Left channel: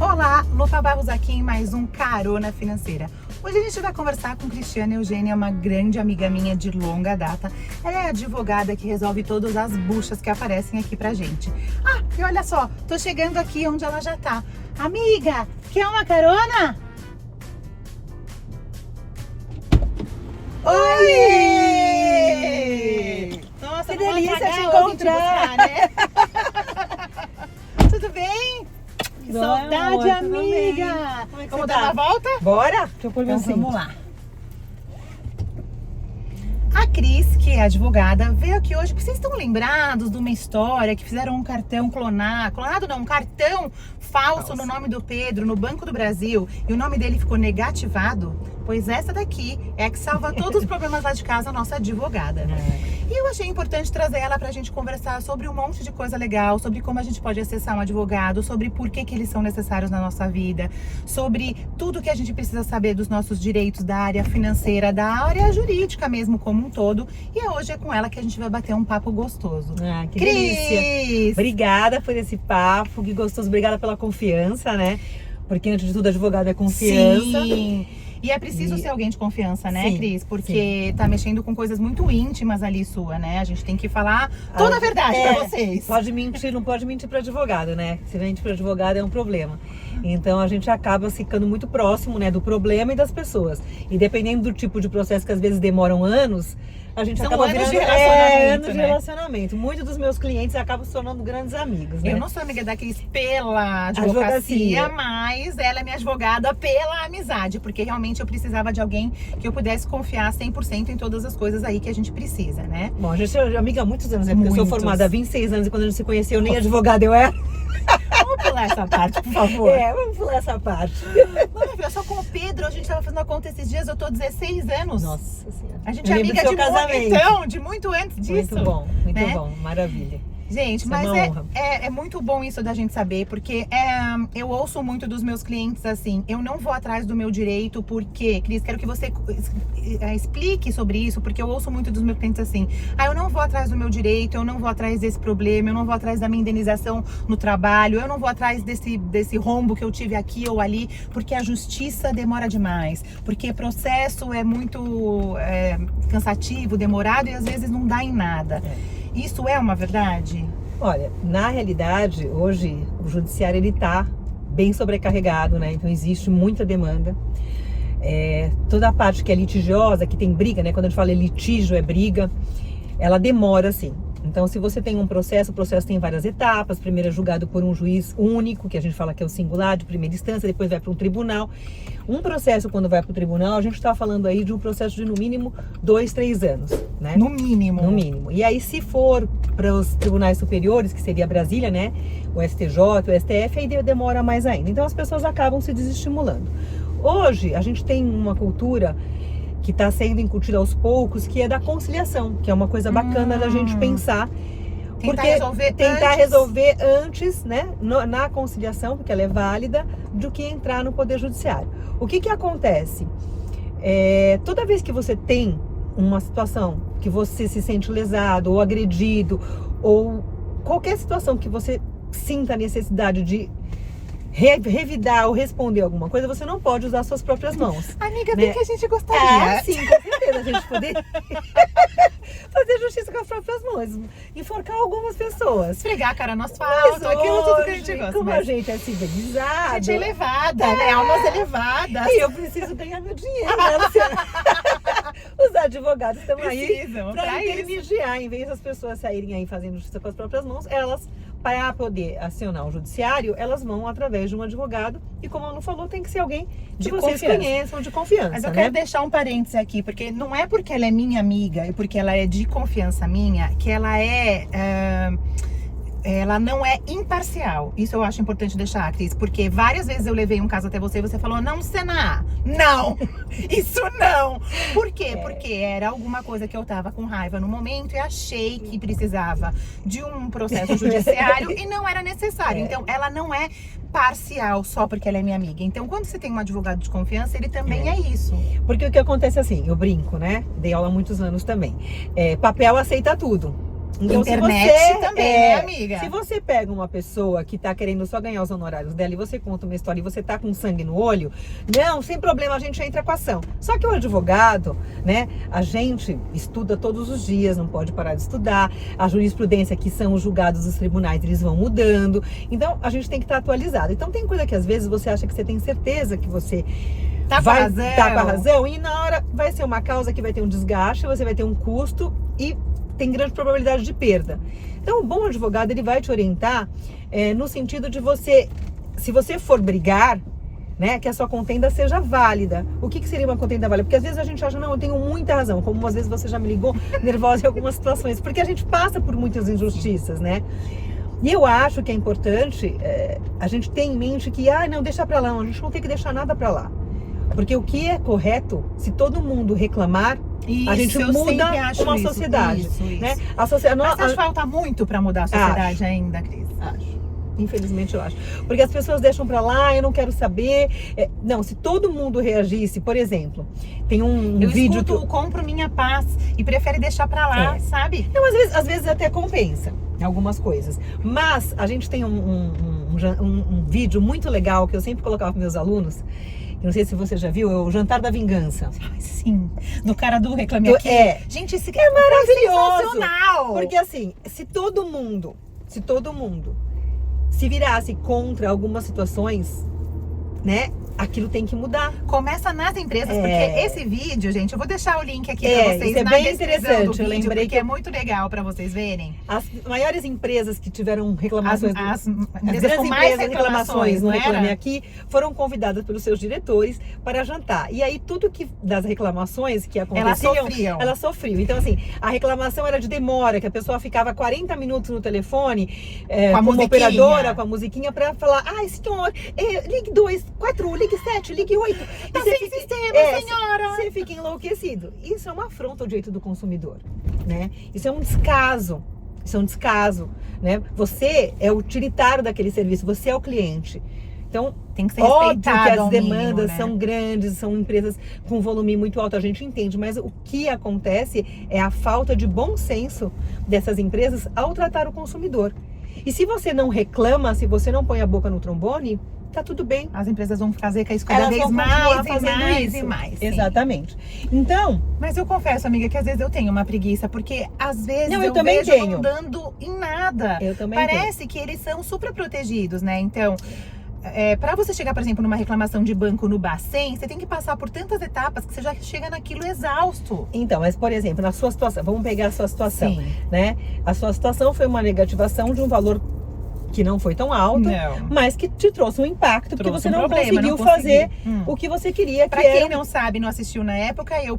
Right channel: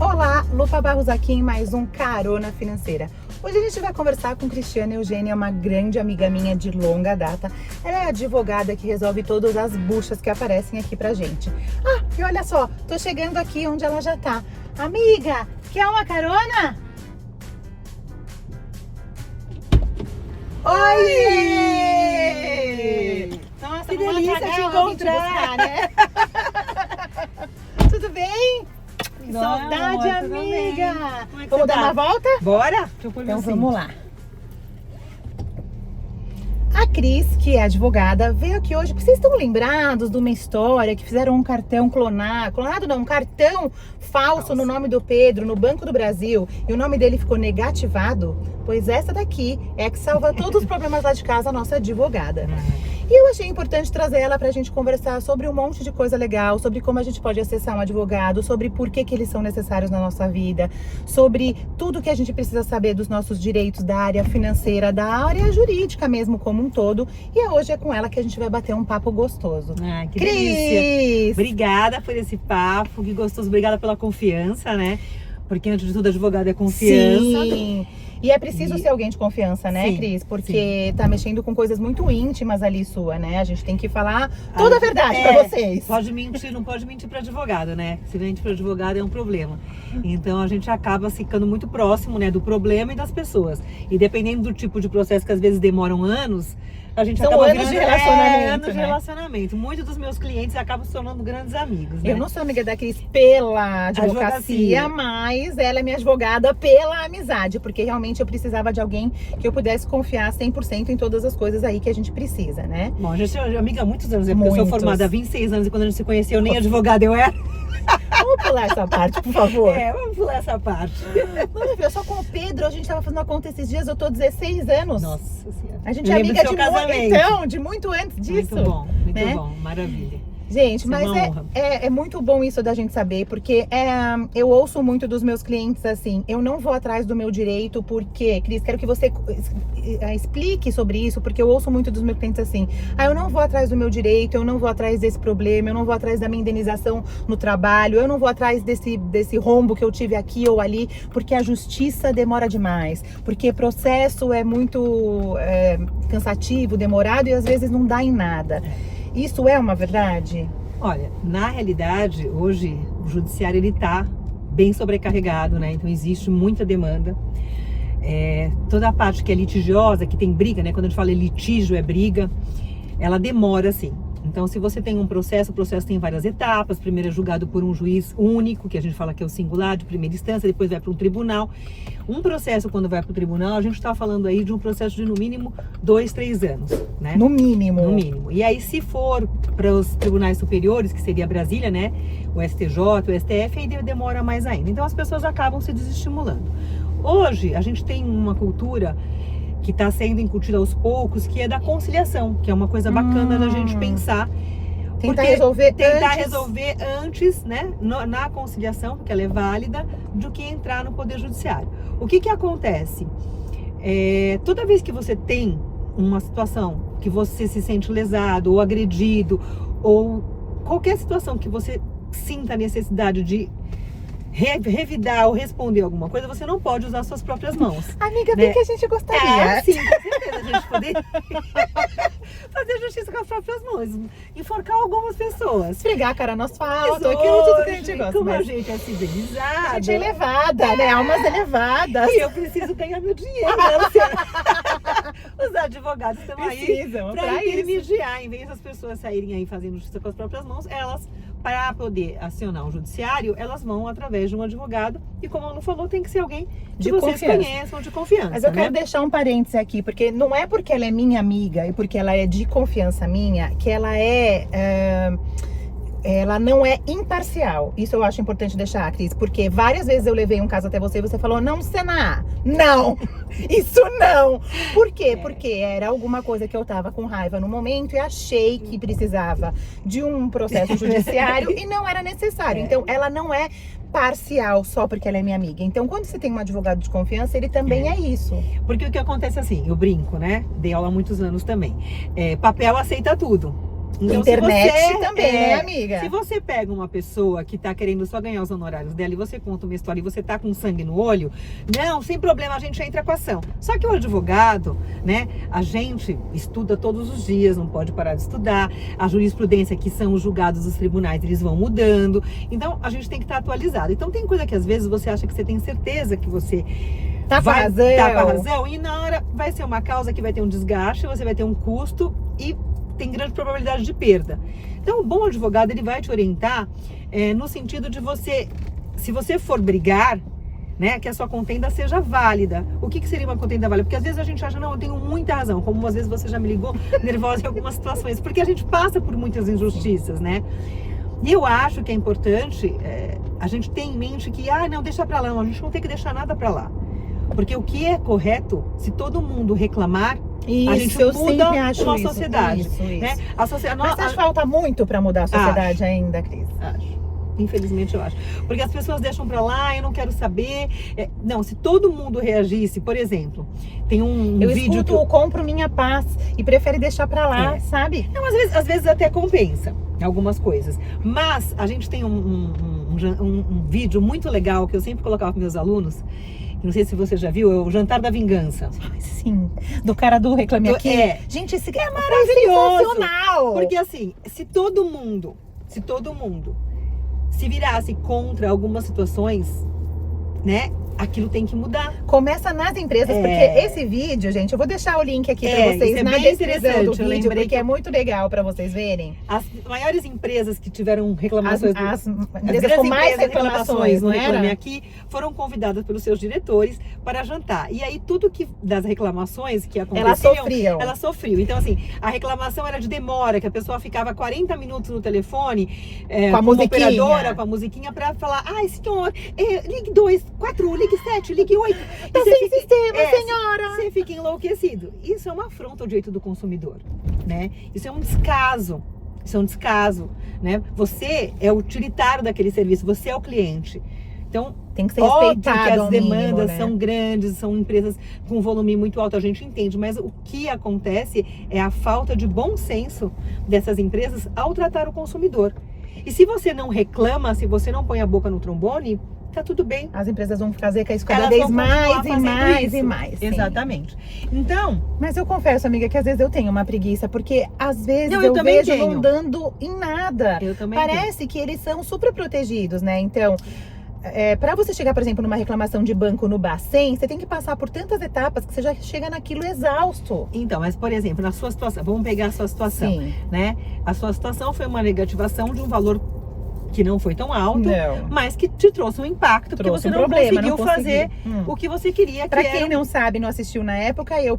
Olá, Lufa Barros aqui em mais um Carona Financeira. Hoje a gente vai conversar com Cristiana Eugênia, uma grande amiga minha de longa data. Ela é advogada que resolve todas as buchas que aparecem aqui pra gente. Ah, e olha só, tô chegando aqui onde ela já tá. Amiga, quer uma carona? Oi! Nossa, que vamos delícia pagar te onde buscar, encontrar, né? Tudo bem? Que Não, saudade, amor, tudo amiga! bem. Como é que Vamos você dar tá? uma volta? Bora? Deixa eu pôr meu Então cinto. vamos lá. A Cris, que é advogada, veio aqui hoje porque vocês estão lembrados de uma história que fizeram um cartão clonado não, um cartão falso no nome do Pedro no Banco do Brasil e o nome dele ficou negativado? Pois essa daqui é a que salva todos os problemas lá de casa, a nossa advogada. E eu achei importante trazer ela pra gente conversar sobre um monte de coisa legal, sobre como a gente pode acessar um advogado, sobre por que eles são necessários na nossa vida, sobre tudo que a gente precisa saber dos nossos direitos da área financeira, da área jurídica mesmo como um todo. E hoje é com ela que a gente vai bater um papo gostoso. Ah, que Cris! delícia. Obrigada por esse papo, que gostoso. Obrigada pela confiança, né? Porque antes de tudo, advogado é confiança. Sim. E é preciso ser alguém de confiança, né, Sim, Cris? Porque tá mexendo com coisas muito íntimas ali sua, né? A gente tem que falar toda a verdade pra vocês. Pode mentir, não pode mentir para advogado, né? Se mente para advogado é um problema. Então a gente acaba ficando muito próximo, né, do problema e das pessoas. E dependendo do tipo de processo que às vezes demoram anos, a gente São acaba anos virando de relacionamento, anos de né? relacionamento. Muitos dos meus clientes acabam se tornando grandes amigos, né? Eu não sou amiga da Cris pela advocacia, mas ela é minha advogada pela amizade, porque realmente eu precisava de alguém que eu pudesse confiar 100% em todas as coisas aí que a gente precisa, né? Bom, a gente é amiga há muitos anos, porque eu sou formada há 26 anos e quando a gente se conheceu, nem advogada eu era. Vamos pular essa parte, por favor. Vamos pular essa parte. Vamos ver, só com o Pedro, a gente tava fazendo a conta esses dias, eu tô 16 anos. Nossa Senhora. A gente Eu é lembro amiga do de seu casamento. então, de muito antes disso. Muito né? bom, maravilha. Gente, Isso é mas uma honra. é muito bom isso da gente saber, porque eu ouço muito dos meus clientes assim, eu não vou atrás do meu direito, porque, Cris, quero que você explique sobre isso, porque eu ouço muito dos meus clientes assim, eu não vou atrás do meu direito, eu não vou atrás desse problema, eu não vou atrás da minha indenização no trabalho, eu não vou atrás desse rombo que eu tive aqui ou ali, porque a justiça demora demais, porque processo é muito cansativo, demorado e às vezes não dá em nada. Isso é uma verdade? Olha, na realidade, hoje o judiciário ele tá bem sobrecarregado, né? Então existe muita demanda. Toda a parte que é litigiosa, que tem briga, né? Quando a gente fala litígio, é briga, ela demora sim. Então, se você tem um processo, o processo tem várias etapas. Primeiro é julgado por um juiz único, que a gente fala que é o singular, de primeira instância, depois vai para um tribunal. Um processo, quando vai para o tribunal, a gente está falando aí de um processo de, no mínimo, 2, 3 anos, né? No mínimo. No mínimo. E aí, se for para os tribunais superiores, que seria Brasília, né? O STJ, o STF, aí demora mais ainda. Então, as pessoas acabam se desestimulando. Hoje, a gente tem uma cultura que está sendo incutida aos poucos, que é da conciliação, que é uma coisa bacana da gente pensar. Tentar resolver antes, né, na conciliação, porque ela é válida, do que entrar no Poder Judiciário. O que acontece? Toda vez que você tem uma situação que você se sente lesado ou agredido, ou qualquer situação que você sinta a necessidade de revidar ou responder alguma coisa, você não pode usar suas próprias mãos. Amiga, né? bem que a gente gostaria. Sim, com certeza a gente poder fazer justiça com as próprias mãos, enforcar algumas pessoas. Esfregar a cara no asfalto, Mas aquilo tudo que a gente gosta. como a gente é civilizado, A gente é elevada, né? Almas elevadas. e eu preciso ganhar meu dinheiro, né, Luciana? Os advogados estão aí para intermediar, em vez das pessoas saírem aí fazendo justiça com as próprias mãos, elas, para poder acionar o judiciário, elas vão através de um advogado, e como a Lu falou, tem que ser alguém que vocês conheçam, de confiança. Mas eu quero deixar um parêntese aqui, porque não é porque ela é minha amiga e porque ela é de confiança minha, que ela ela não é imparcial. Isso eu acho importante deixar, Cris, porque várias vezes eu levei um caso até você e você falou, não, Sena, não, isso não. Por quê? Porque era alguma coisa que eu tava com raiva no momento e achei que precisava de um processo judiciário e não era necessário. Então, ela não é parcial só porque ela é minha amiga. Então, quando você tem um advogado de confiança, ele também é isso. Porque o que acontece assim, eu brinco, né? Dei aula há muitos anos também. Papel aceita tudo. Então, Internet se você, também, né, amiga? Se você pega uma pessoa que tá querendo só ganhar os honorários dela e você conta uma história e você tá com sangue no olho, não, sem problema, a gente entra com a ação. Só que o advogado, né, a gente estuda todos os dias, não pode parar de estudar. A jurisprudência, que são os julgados dos tribunais, eles vão mudando. Então, a gente tem que estar atualizado. Então, tem coisa que às vezes você acha que você tem certeza que você vai estar com a razão e na hora vai ser uma causa que vai ter um desgaste, você vai ter um custo e tem grande probabilidade de perda. Então, o bom advogado, ele vai te orientar no sentido de você, se você for brigar, né, que a sua contenda seja válida. O que seria uma contenda válida? Porque às vezes a gente acha, não, eu tenho muita razão, como às vezes você já me ligou nervosa em algumas situações, porque a gente passa por muitas injustiças, né? E eu acho que é importante a gente ter em mente que, não, deixa pra lá, não, a gente não tem que deixar nada pra lá. Porque o que é correto, se todo mundo reclamar, a gente muda uma sociedade. Né? A sociedade Mas acho que falta muito para mudar a sociedade ainda, Cris. Acho. Infelizmente eu acho. Porque as pessoas deixam pra lá, eu não quero saber. Não, se todo mundo reagisse, por exemplo, tem um vídeo que eu compro minha paz e prefere deixar pra lá, sabe? Não, às vezes até compensa em algumas coisas. Mas a gente tem um vídeo muito legal que eu sempre colocava para meus alunos. Não sei se você já viu, é o Jantar da Vingança. Sim, do cara do Reclame Aqui. Gente, esse é maravilhoso. Sensacional. Porque assim, se todo mundo se virasse contra algumas situações, né? Aquilo tem que mudar. Começa nas empresas, porque esse vídeo, gente, eu vou deixar o link aqui pra vocês na descrição do vídeo, porque é muito legal pra vocês verem. As maiores empresas que tiveram reclamações, as grandes com mais reclamações no Reclame Aqui, foram convidadas pelos seus diretores para jantar. E aí tudo que das reclamações que aconteciam, elas sofriam. Então assim, a reclamação era de demora, que a pessoa ficava 40 minutos no telefone com uma operadora, com a musiquinha para falar: ai, senhor, ligue 2, 4, ligue 7, ligue 8. Tá sem sistema, senhora. Você fica enlouquecido. Isso é uma afronta ao direito do consumidor, né? Isso é um descaso. Né? Você é o utilitário daquele serviço, você é o cliente. Então, tem que ser respeitado, que as demandas são grandes, são empresas com volume muito alto, a gente entende, mas o que acontece é a falta de bom senso dessas empresas ao tratar o consumidor. E se você não reclama, se você não põe a boca no trombone, tá tudo bem. As empresas vão fazer isso cada vez mais e mais. Exatamente. Então, mas eu confesso, amiga, que às vezes eu tenho uma preguiça, porque às vezes eu vejo não dando em nada. Eu também Parece que eles são super protegidos, né? Então, para você chegar, por exemplo, numa reclamação de banco no Bacen, você tem que passar por tantas etapas que você já chega naquilo exausto. Então, mas por exemplo, na sua situação, vamos pegar a sua situação, né? A sua situação foi uma negativação de um valor que não foi tão alto, mas que te trouxe um impacto, porque você não conseguiu fazer o que você queria. Pra quem não sabe, não assistiu na época, eu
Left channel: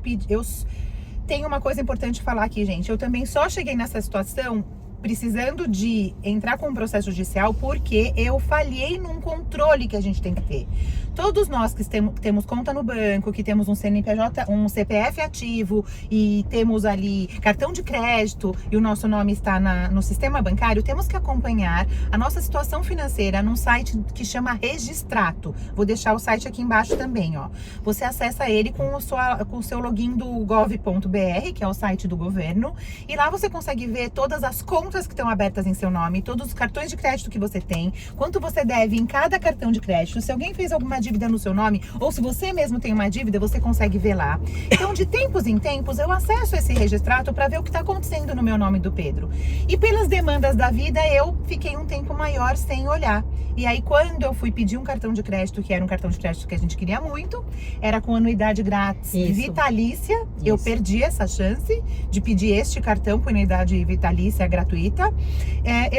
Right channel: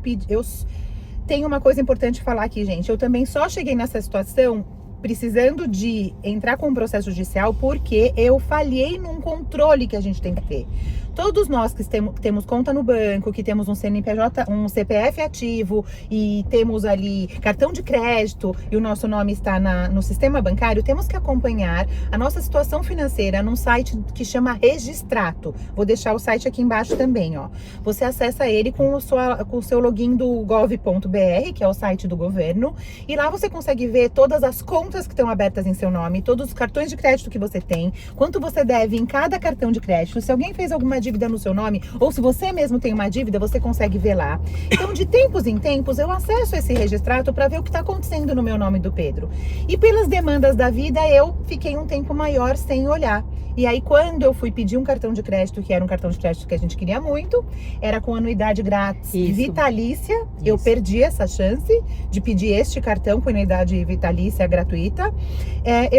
tenho uma coisa importante de falar aqui, gente. Eu também só cheguei nessa situação precisando de entrar com um processo judicial porque eu falhei num controle que a gente tem que ter. Todos nós que temos conta no banco, que temos um CNPJ, um CPF ativo e temos ali cartão de crédito e o nosso nome está no sistema bancário, temos que acompanhar a nossa situação financeira num site que chama Registrato. Vou deixar o site aqui embaixo também, ó. Você acessa ele com o seu login do gov.br, que é o site do governo, e lá você consegue ver todas as contas que estão abertas em seu nome, todos os cartões de crédito que você tem, quanto você deve em cada cartão de crédito, se alguém fez alguma dívida no seu nome, ou se você mesmo tem uma dívida, você consegue ver lá. Então, de tempos em tempos, eu acesso esse registrato para ver o que está acontecendo no meu nome do Pedro. E pelas demandas da vida, eu fiquei um tempo maior sem olhar. E aí, quando eu fui pedir um cartão de crédito, que era um cartão de crédito que a gente queria muito, era com anuidade grátis vitalícia, eu perdi essa chance de pedir este cartão com anuidade vitalícia gratuita.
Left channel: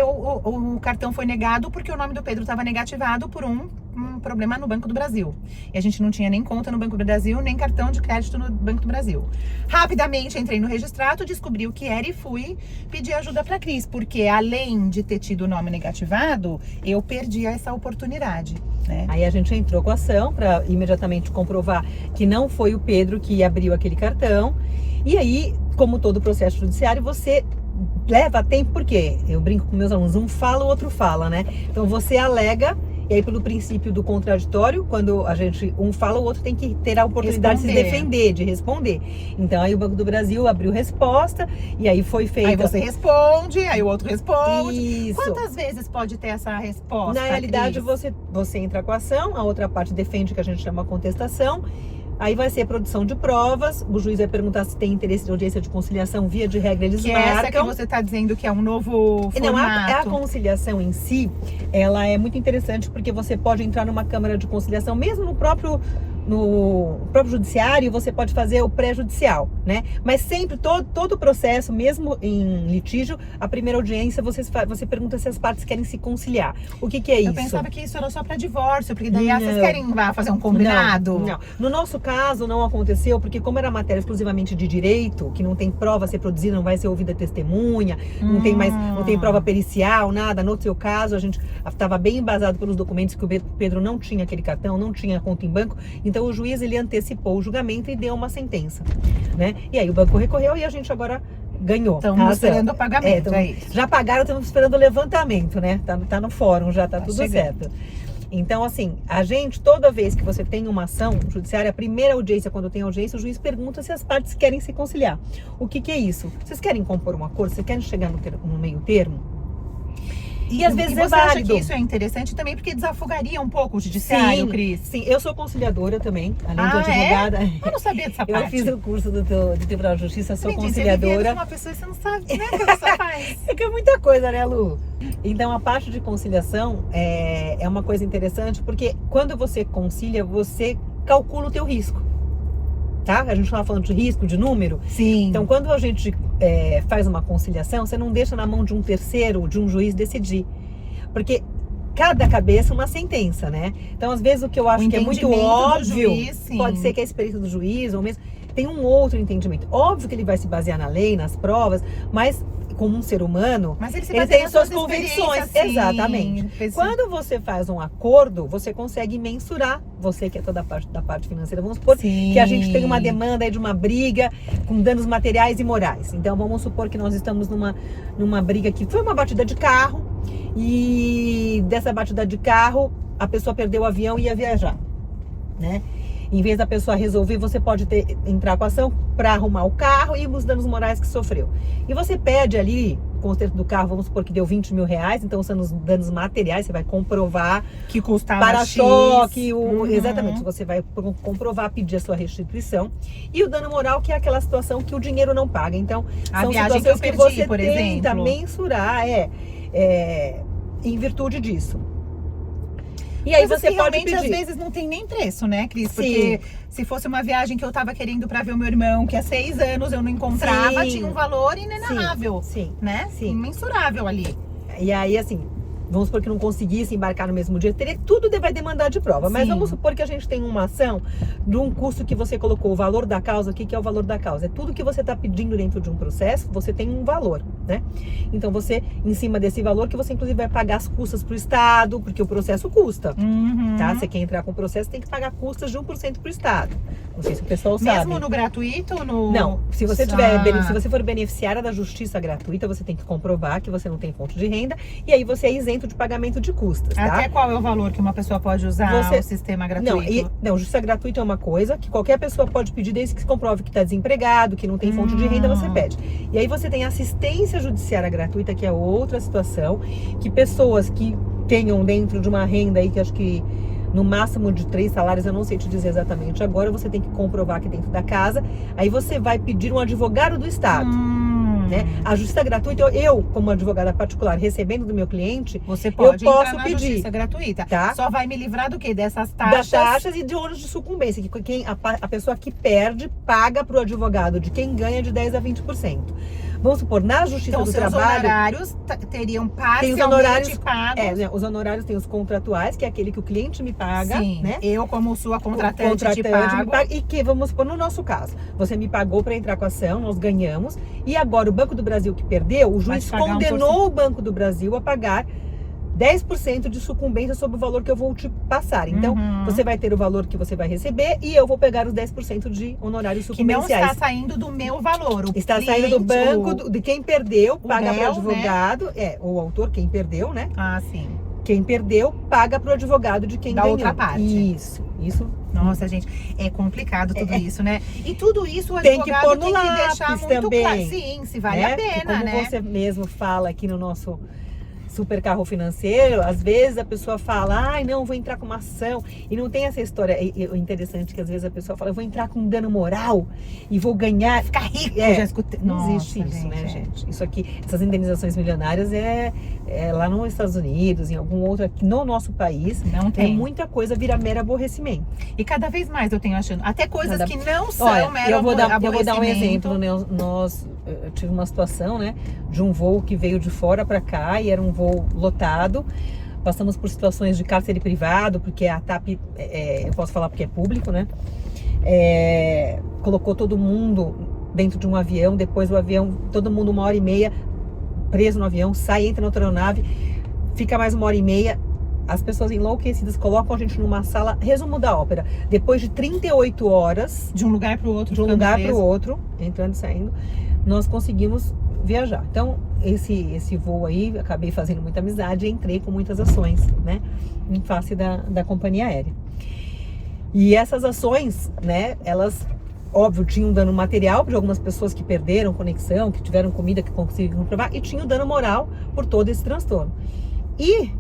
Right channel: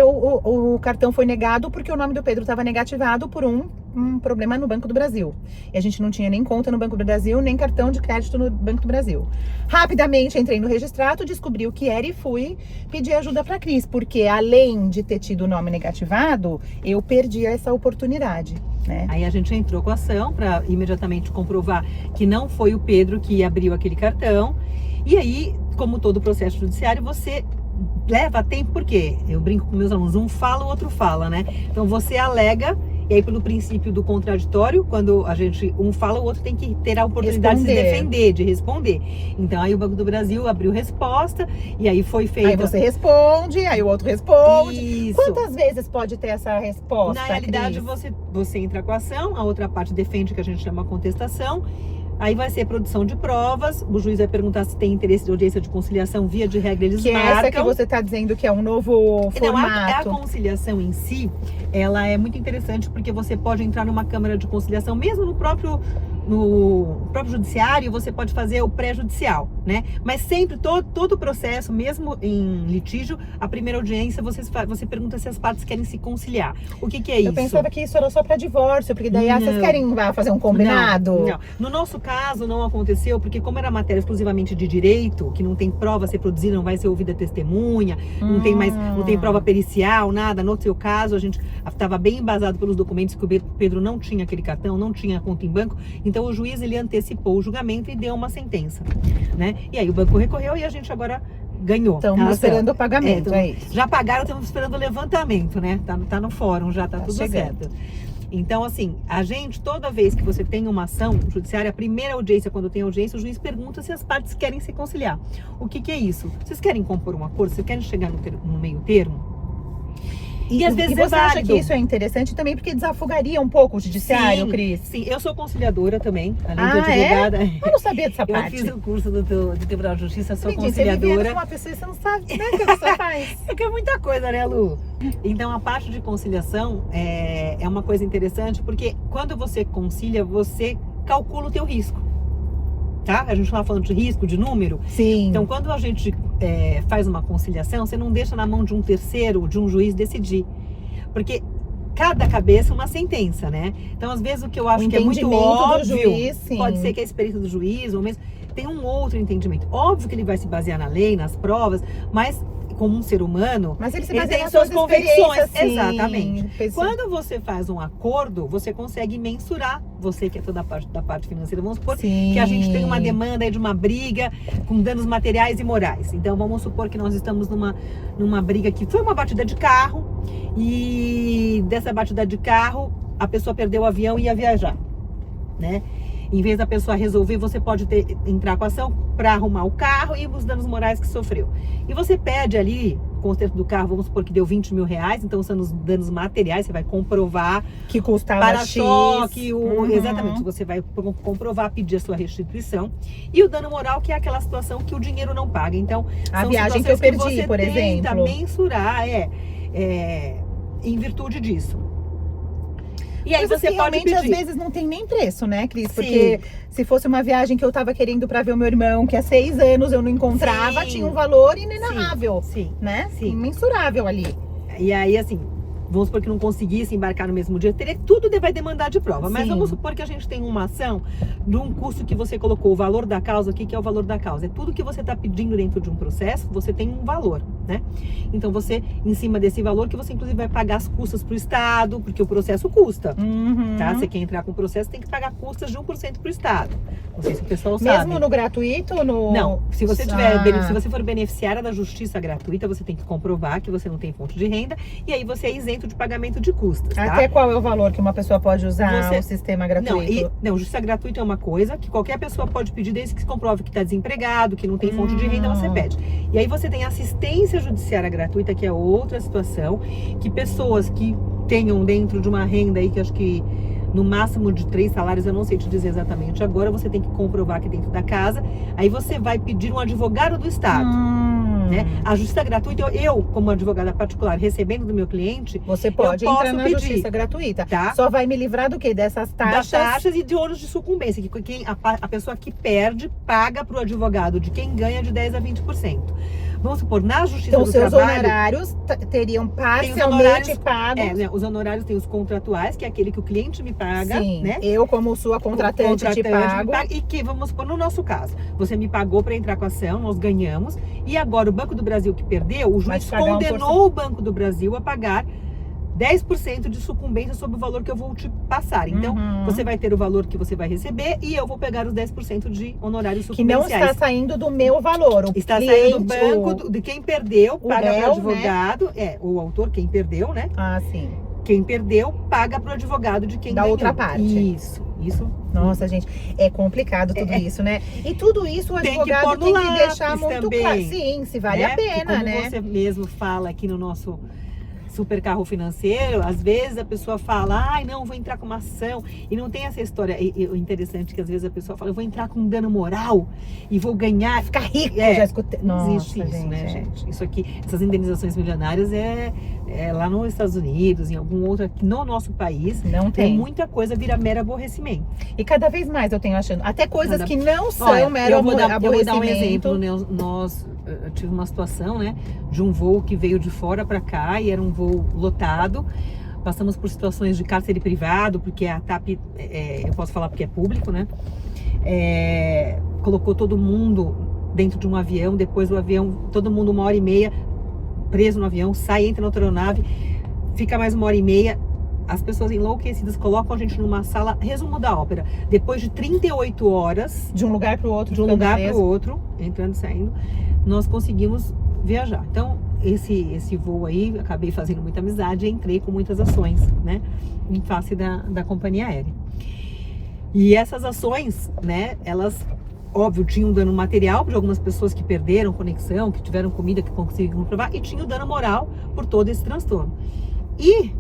O cartão foi negado porque o nome do Pedro estava negativado por um problema no Banco do Brasil. E a gente não tinha nem conta no Banco do Brasil, nem cartão de crédito no Banco do Brasil. Rapidamente entrei no registrato, descobri o que era e fui pedir ajuda para a Cris, porque além de ter tido o nome negativado, eu perdi essa oportunidade, né? Aí a gente entrou com a ação para imediatamente comprovar que não foi o Pedro que abriu aquele cartão. E aí, como todo processo judiciário, você leva tempo, porque eu brinco com meus alunos, um fala, o outro fala, né? Então você alega E aí, pelo princípio do contraditório, quando a gente um fala, o outro tem que ter a oportunidade de se defender, de responder. Então, aí o Banco do Brasil abriu resposta, e aí foi feita... Aí você responde, aí o outro responde. Isso. Quantas vezes pode ter essa resposta, Na realidade, Cris? você entra com a ação, a outra parte defende, que a gente chama contestação. Aí vai ser produção de provas, o juiz vai perguntar se tem interesse de audiência de conciliação, via de regra eles Que marcam. é essa que você está dizendo que é um novo Não, formato. a conciliação em si, ela é muito interessante porque você pode entrar numa câmara de conciliação, mesmo no próprio judiciário, você pode fazer o pré-judicial, né? Mas sempre, todo o processo, mesmo em litígio, a primeira audiência, você pergunta se as partes querem se conciliar. O que é isso? Eu pensava que isso era só para divórcio, porque daí vocês querem fazer um combinado? Não. No nosso caso, não aconteceu, porque como era matéria exclusivamente de direito, que não tem prova a ser produzida, não vai ser ouvida testemunha, não tem prova pericial, nada. No seu caso, a gente estava bem embasado pelos documentos que o Pedro não tinha aquele cartão, não tinha conta em banco, então o juiz, ele antecipou o julgamento e deu uma sentença, né? E aí o banco recorreu e a gente agora ganhou. Estamos esperando o pagamento, é isso. Já pagaram, estamos esperando o levantamento, né? Tá no fórum, já tá tudo chegando. certo. Então, assim, a gente, toda vez que você tem uma ação judiciária, a primeira audiência, quando tem audiência, o juiz pergunta se as partes querem se conciliar. O que é isso? Vocês querem compor um acordo? Vocês querem chegar no meio termo? E às vezes você é válido. acha que isso é interessante também porque desafogaria um pouco o judiciário, Cris? Sim, eu sou conciliadora também, além de Ah, advogada. Eu não sabia dessa parte. Eu fiz o curso do Tribunal de Justiça, sou Gente, Você conciliadora. uma pessoa e você não sabe, né, o que a pessoa faz? É que é muita coisa, né, Lu? Então, a parte de conciliação é uma coisa interessante, porque quando você concilia, você calcula o teu risco, tá? A gente estava falando de risco, de número. Sim. Então, quando a gente faz uma conciliação, você não deixa na mão de um terceiro, de um juiz decidir. Porque cada cabeça é uma sentença, né? Então, às vezes, o que eu acho que é muito óbvio, juiz, pode ser que a experiência do juiz, ou mesmo, tem um outro entendimento. Óbvio que ele vai se basear na lei, nas provas, mas como um ser humano, Mas ele tem as suas convicções. Sim. Exatamente. Quando você faz um acordo, você consegue mensurar. Você que é toda da parte financeira, vamos supor que a gente tem uma demanda aí de uma briga com danos materiais e morais. Então, vamos supor que nós estamos numa briga que foi uma batida de carro, e dessa batida de carro, a pessoa perdeu o avião e ia viajar, né? Em vez da pessoa resolver, você pode entrar com a ação para arrumar o carro e os danos morais que sofreu. E você pede ali, o conserto do carro, vamos supor que deu 20 mil reais, então são os danos materiais, você vai comprovar. Que custava para-choque, exatamente, você vai comprovar, pedir a sua restituição. E o dano moral, que é aquela situação que o dinheiro não paga. Então, a são viagem que eu perdi, você por tenta exemplo. mensurar, em virtude disso. E aí Mas você assim, pode realmente, pedir. às vezes não tem nem preço, né, Cris? Porque se fosse uma viagem que eu tava querendo pra ver o meu irmão, que há 6 anos eu não encontrava, tinha um valor inenarrável, né? Imensurável ali. E aí, assim, vamos supor que não conseguisse embarcar no mesmo dia, tudo vai demandar de prova. Mas vamos supor que a gente tem uma ação de um custo que você colocou, o valor da causa. O que é o valor da causa? É tudo que você está pedindo dentro de um processo, você tem um valor, né? Então você, em cima desse valor, que você inclusive vai pagar as custas para o Estado, porque o processo custa, tá? Você quer entrar com o processo, tem que pagar custas de 1% para o Estado. Não sei se o pessoal sabe. Mesmo no gratuito ou no... Não, se você se você for beneficiária da justiça gratuita, você tem que comprovar que você não tem fonte de renda, e aí você é isento de pagamento de custas, tá? Até qual é o valor que uma pessoa pode usar o sistema gratuito? Não, justiça gratuita é uma coisa que qualquer pessoa pode pedir, desde que se comprove que está desempregado, que não tem fonte de renda, você pede. E aí você tem assistência judiciária gratuita, que é outra situação, que pessoas que tenham dentro de uma renda aí, que acho que no máximo de 3 salários, eu não sei te dizer exatamente agora, você tem que comprovar aqui dentro da casa, aí você vai pedir um advogado do Estado. Né? A justiça gratuita, eu, como advogada particular, recebendo do meu cliente, você pode eu posso entrar na pedir. Justiça gratuita. Tá? Só vai me livrar do quê? Dessas taxas? Das taxas e de ônus de sucumbência, que a pessoa que perde paga para o advogado de quem ganha de 10% a 20%. Vamos supor, na Justiça do Trabalho... Então, seus honorários teriam parcialmente pagos. Né, os honorários tem os contratuais, que é aquele que o cliente me paga, né? Eu, como sua contratante te pago. E que, vamos supor, no nosso caso, você me pagou para entrar com a ação, nós ganhamos, e agora o Banco do Brasil que perdeu, o juiz condenou o Banco do Brasil a pagar 10% de sucumbência sobre o valor que eu vou te passar. Então, você vai ter o valor que você vai receber e eu vou pegar os 10% de honorários sucumbenciais. Que não está saindo do meu valor. Está saindo do banco, de quem perdeu, paga para o advogado, o autor, quem perdeu, né? Ah, sim. quem perdeu paga pro advogado de quem Da ganhou. outra parte. Isso. Nossa, gente, é complicado tudo isso, né? E tudo isso o Tem que advogado pôr no tem que lápis deixar muito também, claro. Sim, se vale né? a Porque pena, como né? você mesmo fala aqui no nosso super carro financeiro, às vezes a pessoa fala, ai, não, vou entrar com uma ação, e não tem essa história. O interessante é que às vezes a pessoa fala, eu vou entrar com dano moral e vou ganhar, Ficar rico, É, já escutei. não Nossa, existe isso, né, é. gente? Isso aqui, essas indenizações milionárias é lá nos Estados Unidos, em algum outro aqui no nosso país, Não tem. muita coisa vira mero aborrecimento. E cada vez mais eu tenho achando, até coisas que não são Olha, mero eu vou dar um aborrecimento. exemplo. Eu tive uma situação, né, de um voo que veio de fora para cá e era um voo lotado. Passamos por situações de cárcere privado, porque a TAP, eu posso falar porque é público, né? Colocou todo mundo dentro de um avião, depois o avião, todo mundo 1h30 preso no avião, sai, entra na outra aeronave, fica mais 1h30. As pessoas enlouquecidas colocam a gente numa sala, resumo da ópera, depois de 38 horas, De um lugar para o outro. de um lugar para o outro, entrando e saindo, nós conseguimos viajar. Então, esse voo aí, acabei fazendo muita amizade e entrei com muitas ações, né, em face da companhia aérea. E essas ações, né, elas, óbvio, tinham dano material de algumas pessoas que perderam conexão, que tiveram comida, que conseguiram provar, e tinha o dano moral por todo esse transtorno. E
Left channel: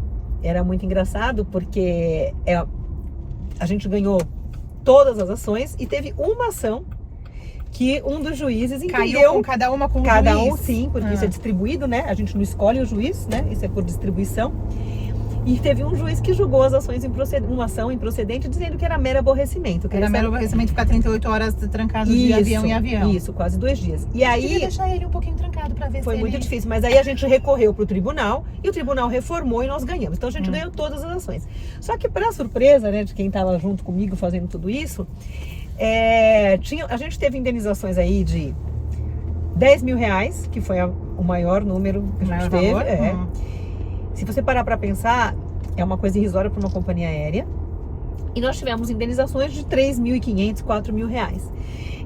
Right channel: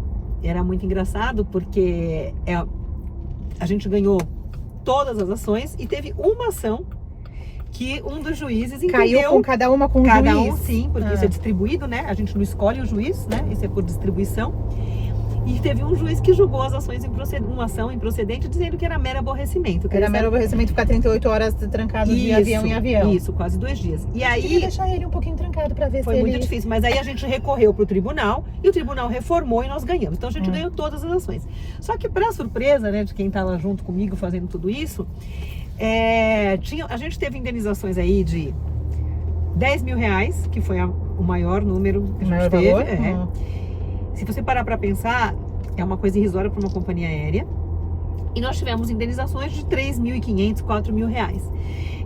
era muito engraçado porque a gente ganhou todas as ações e teve uma ação que um dos juízes entendeu. Caiu com cada uma com um Cada juiz. um, sim, porque isso é distribuído, né? A gente não escolhe o juiz, né? Isso é por distribuição. E teve um juiz que julgou as ações uma ação improcedente, dizendo que era mero aborrecimento. Que Era mero aborrecimento ficar 38 horas trancado de avião em avião. Isso, quase 2 dias. E Tinha que aí deixar ele um pouquinho trancado para ver foi se muito ele... difícil, mas aí a gente recorreu para o tribunal e o tribunal reformou e nós ganhamos. Então a gente ganhou todas as ações. Só que, para surpresa, né, de quem estava junto comigo fazendo tudo isso, a gente teve indenizações aí de 10 mil reais, que foi o maior número que a gente teve. Valor? Se você parar para pensar, é uma coisa irrisória para uma companhia aérea. E nós tivemos indenizações de 3.500, 4 mil reais.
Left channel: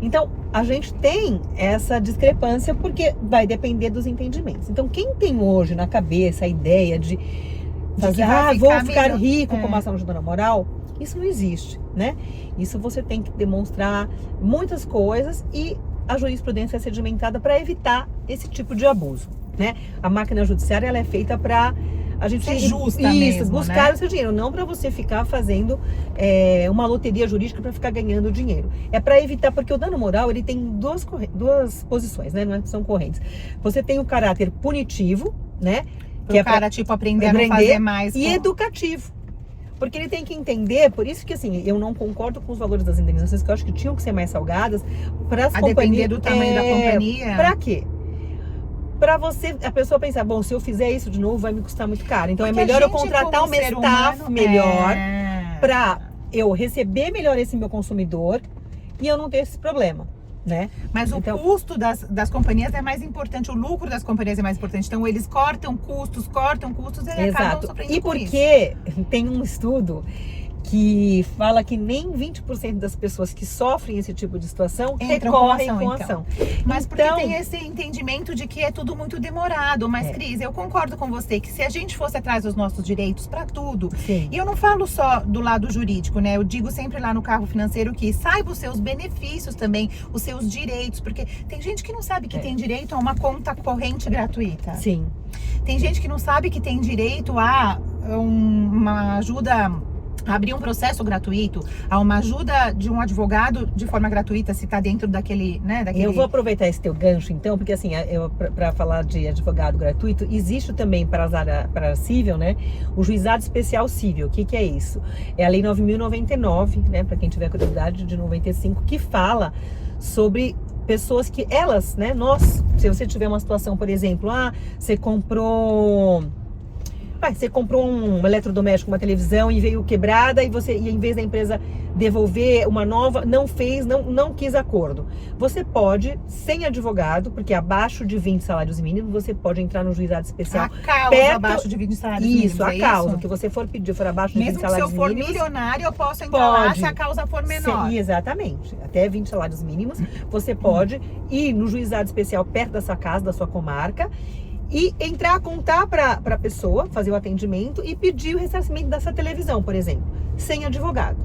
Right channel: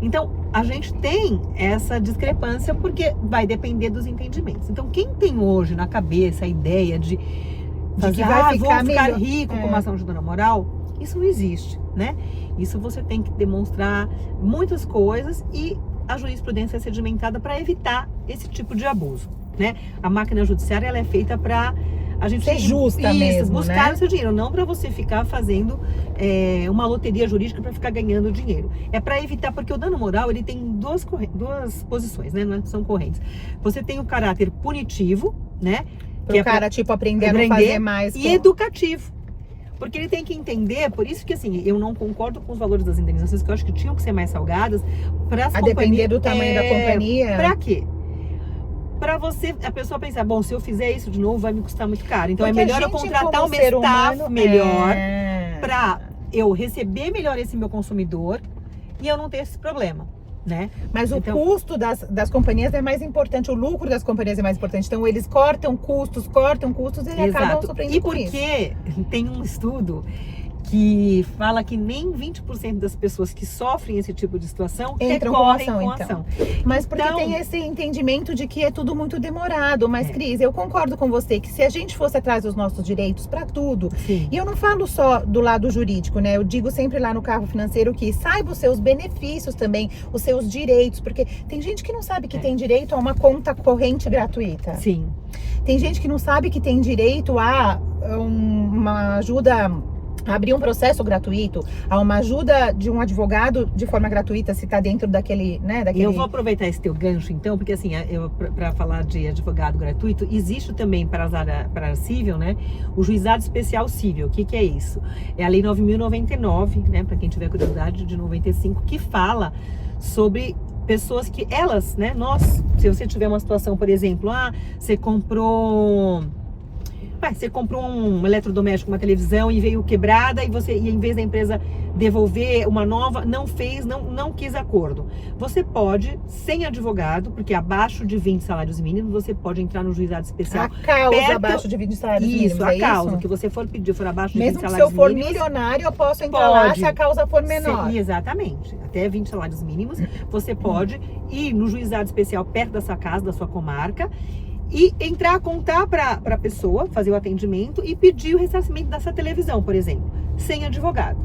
Então, a gente tem essa discrepância porque vai depender dos entendimentos. Então, quem tem hoje na cabeça a ideia de fazer, vou ficar rico com uma ação de dano moral, isso não existe, né? Isso você tem que demonstrar muitas coisas e a jurisprudência é sedimentada para evitar esse tipo de abuso, né? A máquina judiciária, ela é feita para a gente ser justa mesmo, buscar né? o seu dinheiro, não para você ficar fazendo uma loteria jurídica para ficar ganhando dinheiro. É para evitar, porque o dano moral, ele tem duas posições, né? Não são correntes. Você tem o caráter punitivo, né? Que é para tipo aprender a não fazer mais. E educativo. Porque ele tem que entender, por isso que assim, eu não concordo com os valores das indenizações, que eu acho que tinham que ser mais salgadas para as companhias. A depender do tamanho da companhia. Para quê? Para a pessoa pensar, bom, se eu fizer isso de novo vai me custar muito caro. Então porque é melhor eu contratar uma staff melhor para eu receber melhor esse meu consumidor e eu não ter esse problema, né? Mas o custo das companhias é mais importante, o lucro das companhias é mais importante. Então eles cortam custos e acabam sofrendo por isso. E porque tem um estudo que fala que nem 20% das pessoas que sofrem esse tipo de situação recorrem com ação. Mas porque tem esse entendimento de que é tudo muito demorado. Mas, Cris, eu concordo com você que se a gente fosse atrás dos nossos direitos para tudo, sim. E eu não falo só do lado jurídico, né? Eu digo sempre lá no carro financeiro que saiba os seus benefícios também, os seus direitos, porque tem gente que não sabe que tem direito a uma conta corrente gratuita. Sim. Tem gente que não sabe que tem direito a uma ajuda, abrir um processo gratuito, a uma ajuda de um advogado de forma gratuita, se está dentro daquele, né? Eu vou aproveitar esse teu gancho, então, porque assim, para falar de advogado gratuito, existe também para a área civil, né? O juizado especial civil. O que é isso? É a lei 9.099, né? Para quem tiver curiosidade, de 95, que fala sobre pessoas que elas, né? Se você tiver uma situação, por exemplo, você comprou um eletrodoméstico, uma televisão e veio quebrada e em vez da empresa devolver uma nova, não quis acordo. Você pode, sem advogado, porque abaixo de 20 salários mínimos, você pode entrar no juizado especial. A causa abaixo de 20 salários mínimos. Isso, a causa que você for pedir for abaixo de 20 salários mínimos. Mesmo que se eu for milionário, eu posso entrar lá se a causa for menor. Sim, exatamente. Até 20 salários mínimos, você pode ir no juizado especial perto da sua casa, da sua comarca, e entrar a contar para a pessoa, fazer o atendimento e pedir o ressarcimento dessa televisão, por exemplo, sem advogado.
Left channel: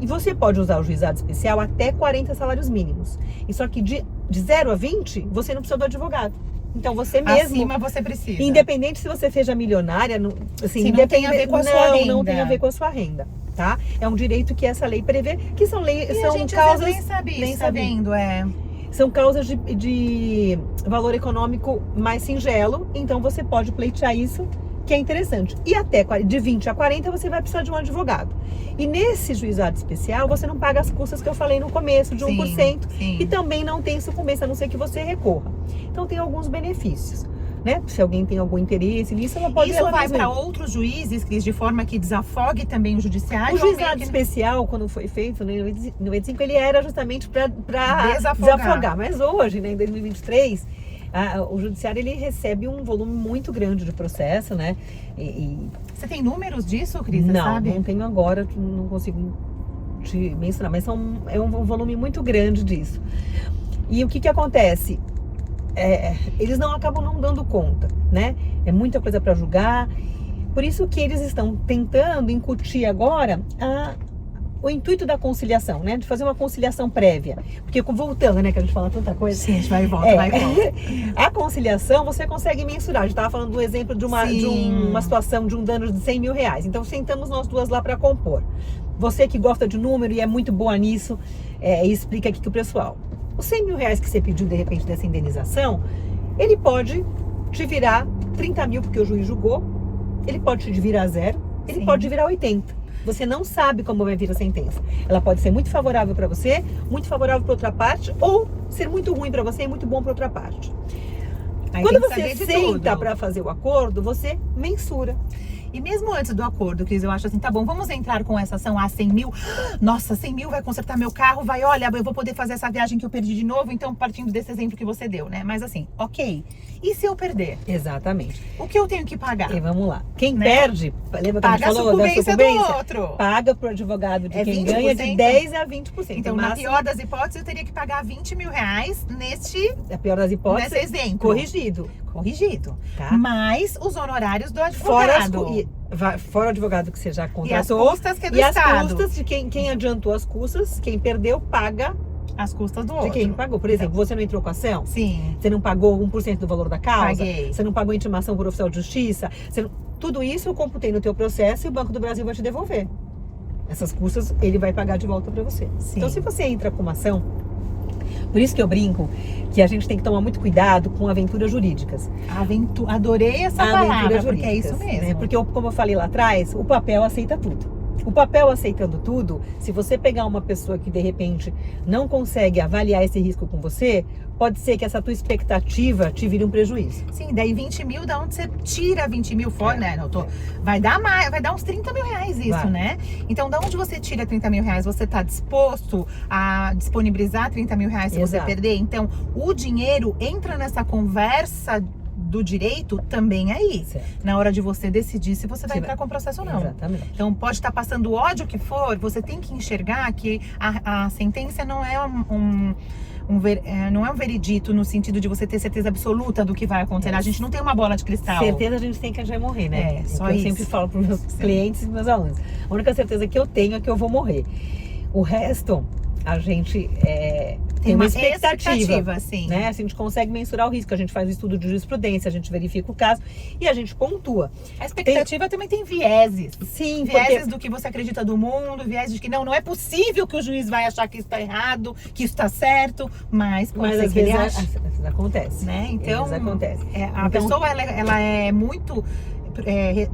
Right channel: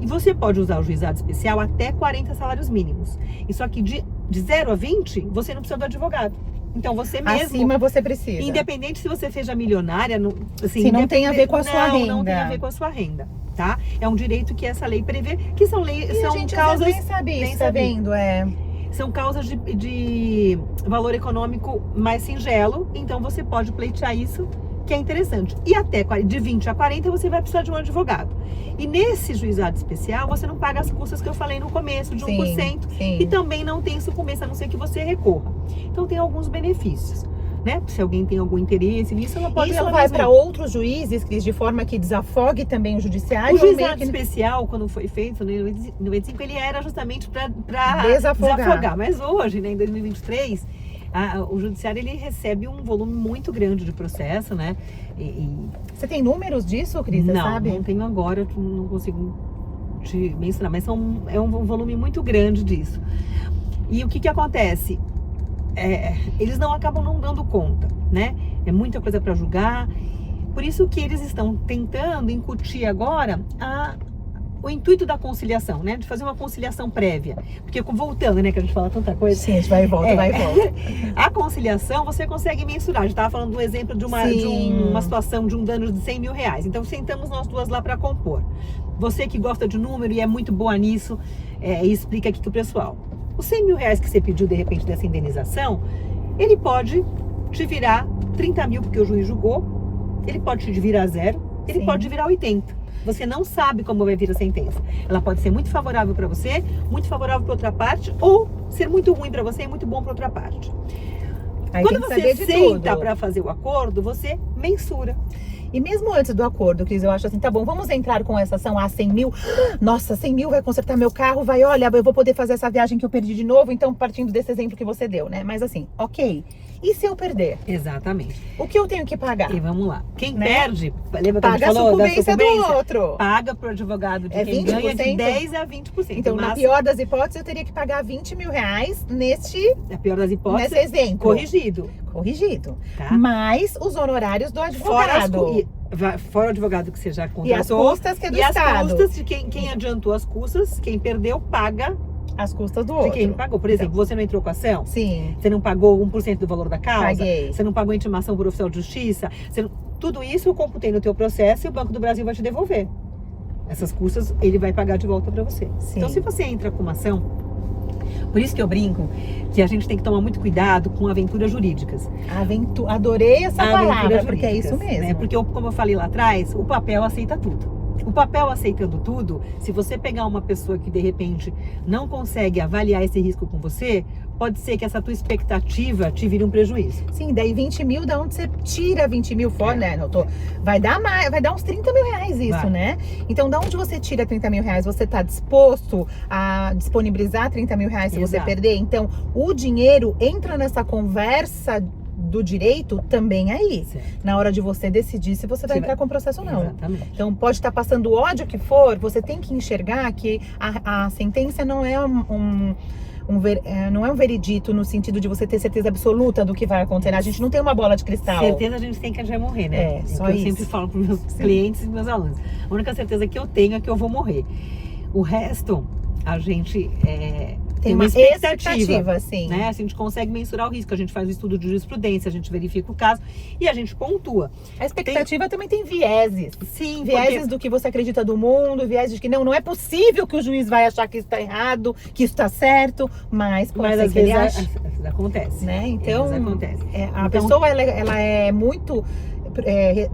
E você pode usar o juizado especial até 40 salários mínimos. E só que de 0 a 20, você não precisa do advogado. Então você mesmo... Acima você precisa. Independente se você seja milionária, assim, se não tem a ver com a sua renda. Não tem a ver com a sua renda, tá? É um direito que essa lei prevê, que são causas... Nem sabe isso, tá vendo? São causas de valor econômico mais singelo, então você pode pleitear isso, que é interessante. E até de 20 a 40 você vai precisar de um advogado. E nesse juizado especial, você não paga as custas que eu falei no começo, de 1%. Sim. E também não tem sucumbência, a não ser que você recorra. Então tem alguns benefícios, né? Se alguém tem algum interesse nisso, ela pode... Isso vai para outros juízes, Cris, de forma que desafogue também o judiciário? O juizado especial, quando foi feito, né, em 95, ele era justamente para desafogar. Mas hoje, né, em 2023... o judiciário, ele recebe um volume muito grande de processo, né? Você tem números disso, Cris? Não tenho agora, não consigo te mencionar, mas é um volume muito grande disso. E o que acontece? Eles acabam não dando conta, né? É muita coisa para julgar, por isso que eles estão tentando incutir agora o intuito da conciliação, né? De fazer uma conciliação prévia. Porque voltando, né? Que a gente fala tanta coisa. Sim, a gente vai e volta, vai e volta. A conciliação você consegue mensurar. A gente estava falando do exemplo de uma situação de um dano de 100 mil reais. Então sentamos nós duas lá para compor. Você que gosta de número e é muito boa nisso, explica aqui pro pessoal. Os 100 mil reais que você pediu de repente dessa indenização, ele pode te virar 30 mil porque o juiz julgou, ele pode te virar 0, ele pode te virar 80. Você não sabe como vai vir a sentença. Ela pode ser muito favorável para você, muito favorável para outra parte, ou ser muito ruim para você e muito bom para outra parte. Aí quando você senta para fazer o acordo, você mensura. E mesmo antes do acordo, Cris, eu acho assim, tá bom, vamos entrar com essa ação a 100 mil. Nossa, 100 mil vai consertar meu carro, olha, eu vou poder fazer essa viagem que eu perdi de novo, então partindo desse exemplo que você deu, né? Mas assim, ok. E se eu perder? Exatamente. O que eu tenho que pagar? E vamos lá. Quem perde, lembra que a gente falou da sucumbência? Do outro. Paga pro advogado de quem ganha de 10 a 20%. Então, na pior das hipóteses, eu teria que pagar 20 mil reais na pior das hipóteses, nesse exemplo. Corrigido. Tá? Mais os honorários do advogado. Fora o advogado que você já contratou. E as custas que é do Estado. As custas de quem adiantou as custas, quem perdeu, paga as custas do outro. De quem pagou. Por exemplo, você não entrou com a ação? Sim. Você não pagou 1% do valor da causa? Paguei. Você não pagou intimação por oficial de justiça? Tudo isso eu computei no teu processo e o Banco do Brasil vai te devolver. Essas custas ele vai pagar de volta para você. Sim. Então, se você entra com uma ação, por isso que eu brinco que a gente tem que tomar muito cuidado com aventuras jurídicas. Adorei essa palavra, porque é isso mesmo. Né? Porque, como eu falei lá atrás, o papel aceita tudo. O papel aceitando tudo, se você pegar uma pessoa que de repente não consegue avaliar esse risco com você, pode ser que essa tua expectativa te vire um prejuízo. Sim, daí 20 mil, da onde você tira 20 mil fora, né? Vai dar mais, vai dar uns 30 mil reais isso, né? Então, da onde você tira 30 mil reais, você está disposto a disponibilizar 30 mil reais se você perder? Então, o dinheiro entra nessa conversa do direito também aí, na hora de você decidir se você vai entrar com o processo ou não. Exatamente. Então, pode estar passando o ódio que for, você tem que enxergar que a sentença não é não é um veredito no sentido de você ter certeza absoluta do que vai acontecer. A gente não tem uma bola de cristal. Certeza a gente tem que a gente vai morrer, né? Só eu sempre falo para os meus clientes e meus alunos. A única certeza que eu tenho é que eu vou morrer. O resto, a gente tem uma expectativa, sim. Né? A gente consegue mensurar o risco, a gente faz o estudo de jurisprudência, a gente verifica o caso e a gente pontua. A expectativa também tem vieses. Sim, vieses do que você acredita do mundo, vieses de que não é possível que o juiz vai achar que isso está errado, que isso está certo, mas às vezes acontece. Né? Então, acontece. A pessoa ela é muito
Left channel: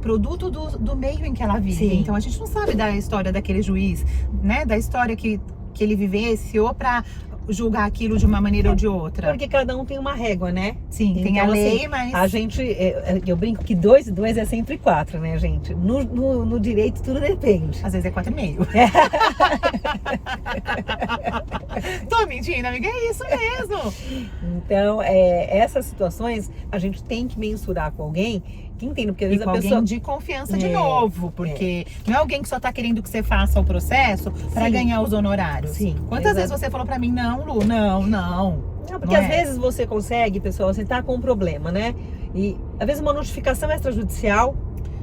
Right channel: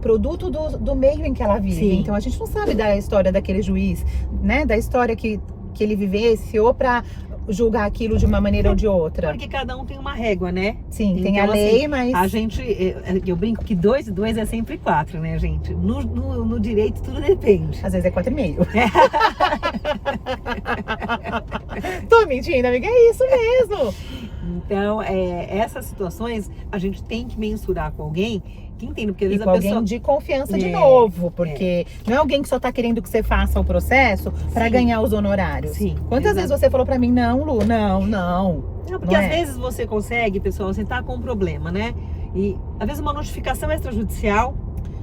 produto do meio em que ela vive. Sim. Então a gente não sabe da história daquele juiz, né? Da história que ele vivenciou para julgar aquilo de uma maneira ou de outra. Porque cada um tem uma régua, né? Sim, então, tem a lei, assim, mas... A gente, eu brinco que 2 é sempre 4, né, gente? No direito tudo depende. Às vezes é 4,5. Tô mentindo, amiga, é isso mesmo. Então, essas situações a gente tem que mensurar com alguém que entenda, porque às vezes a pessoa... alguém de confiança de novo, porque não é alguém que só tá querendo que você faça o processo para ganhar os honorários. Sim. Quantas vezes você falou para mim, não, Lu, não. Não, porque às vezes você consegue, pessoal, você tá com um problema, né? E às vezes uma notificação extrajudicial,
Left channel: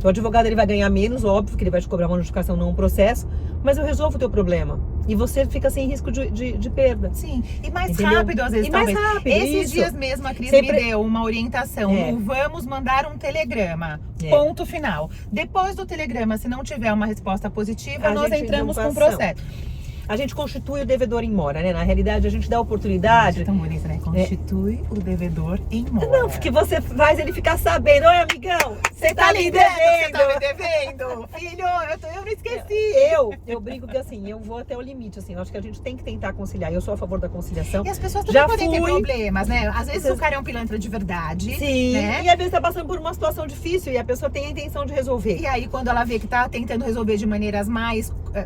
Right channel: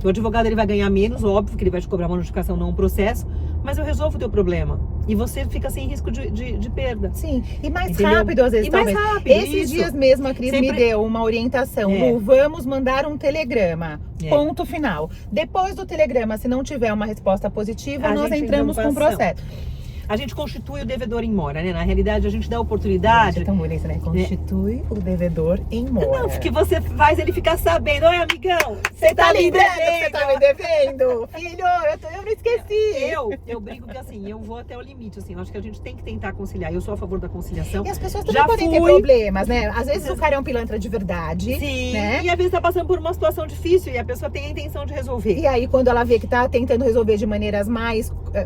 o advogado ele vai ganhar menos, óbvio, que ele vai te cobrar uma notificação, não um processo, mas eu resolvo o teu problema. E você fica sem risco de perda. Sim, e mais Entendeu? rápido às vezes, E mais talvez. rápido, Esses isso. dias mesmo a Cris Sempre- me deu uma orientação. É. Lu, vamos mandar um telegrama. É. Ponto final. Depois do telegrama, se não tiver uma resposta positiva, A nós gente entramos entra com com o ação. processo. A gente constitui o devedor em mora, né? Na realidade, a gente dá oportunidade. É tão bonito, né? Constitui o devedor em mora. Não, porque você faz ele ficar sabendo. Oi, amigão, você tá me lembrando que você devendo. tá me devendo? Filho, eu não esqueci. Eu brigo que assim, eu vou até o limite, assim, eu acho que a gente tem que tentar conciliar. Eu sou a favor da conciliação. E as pessoas também Já podem ter fui. problemas, né? Às vezes o cara é um pilantra de verdade. Sim, né? e às vezes tá passando por uma situação difícil e a pessoa tem a intenção de resolver. E aí, quando ela vê que tá tentando resolver de maneiras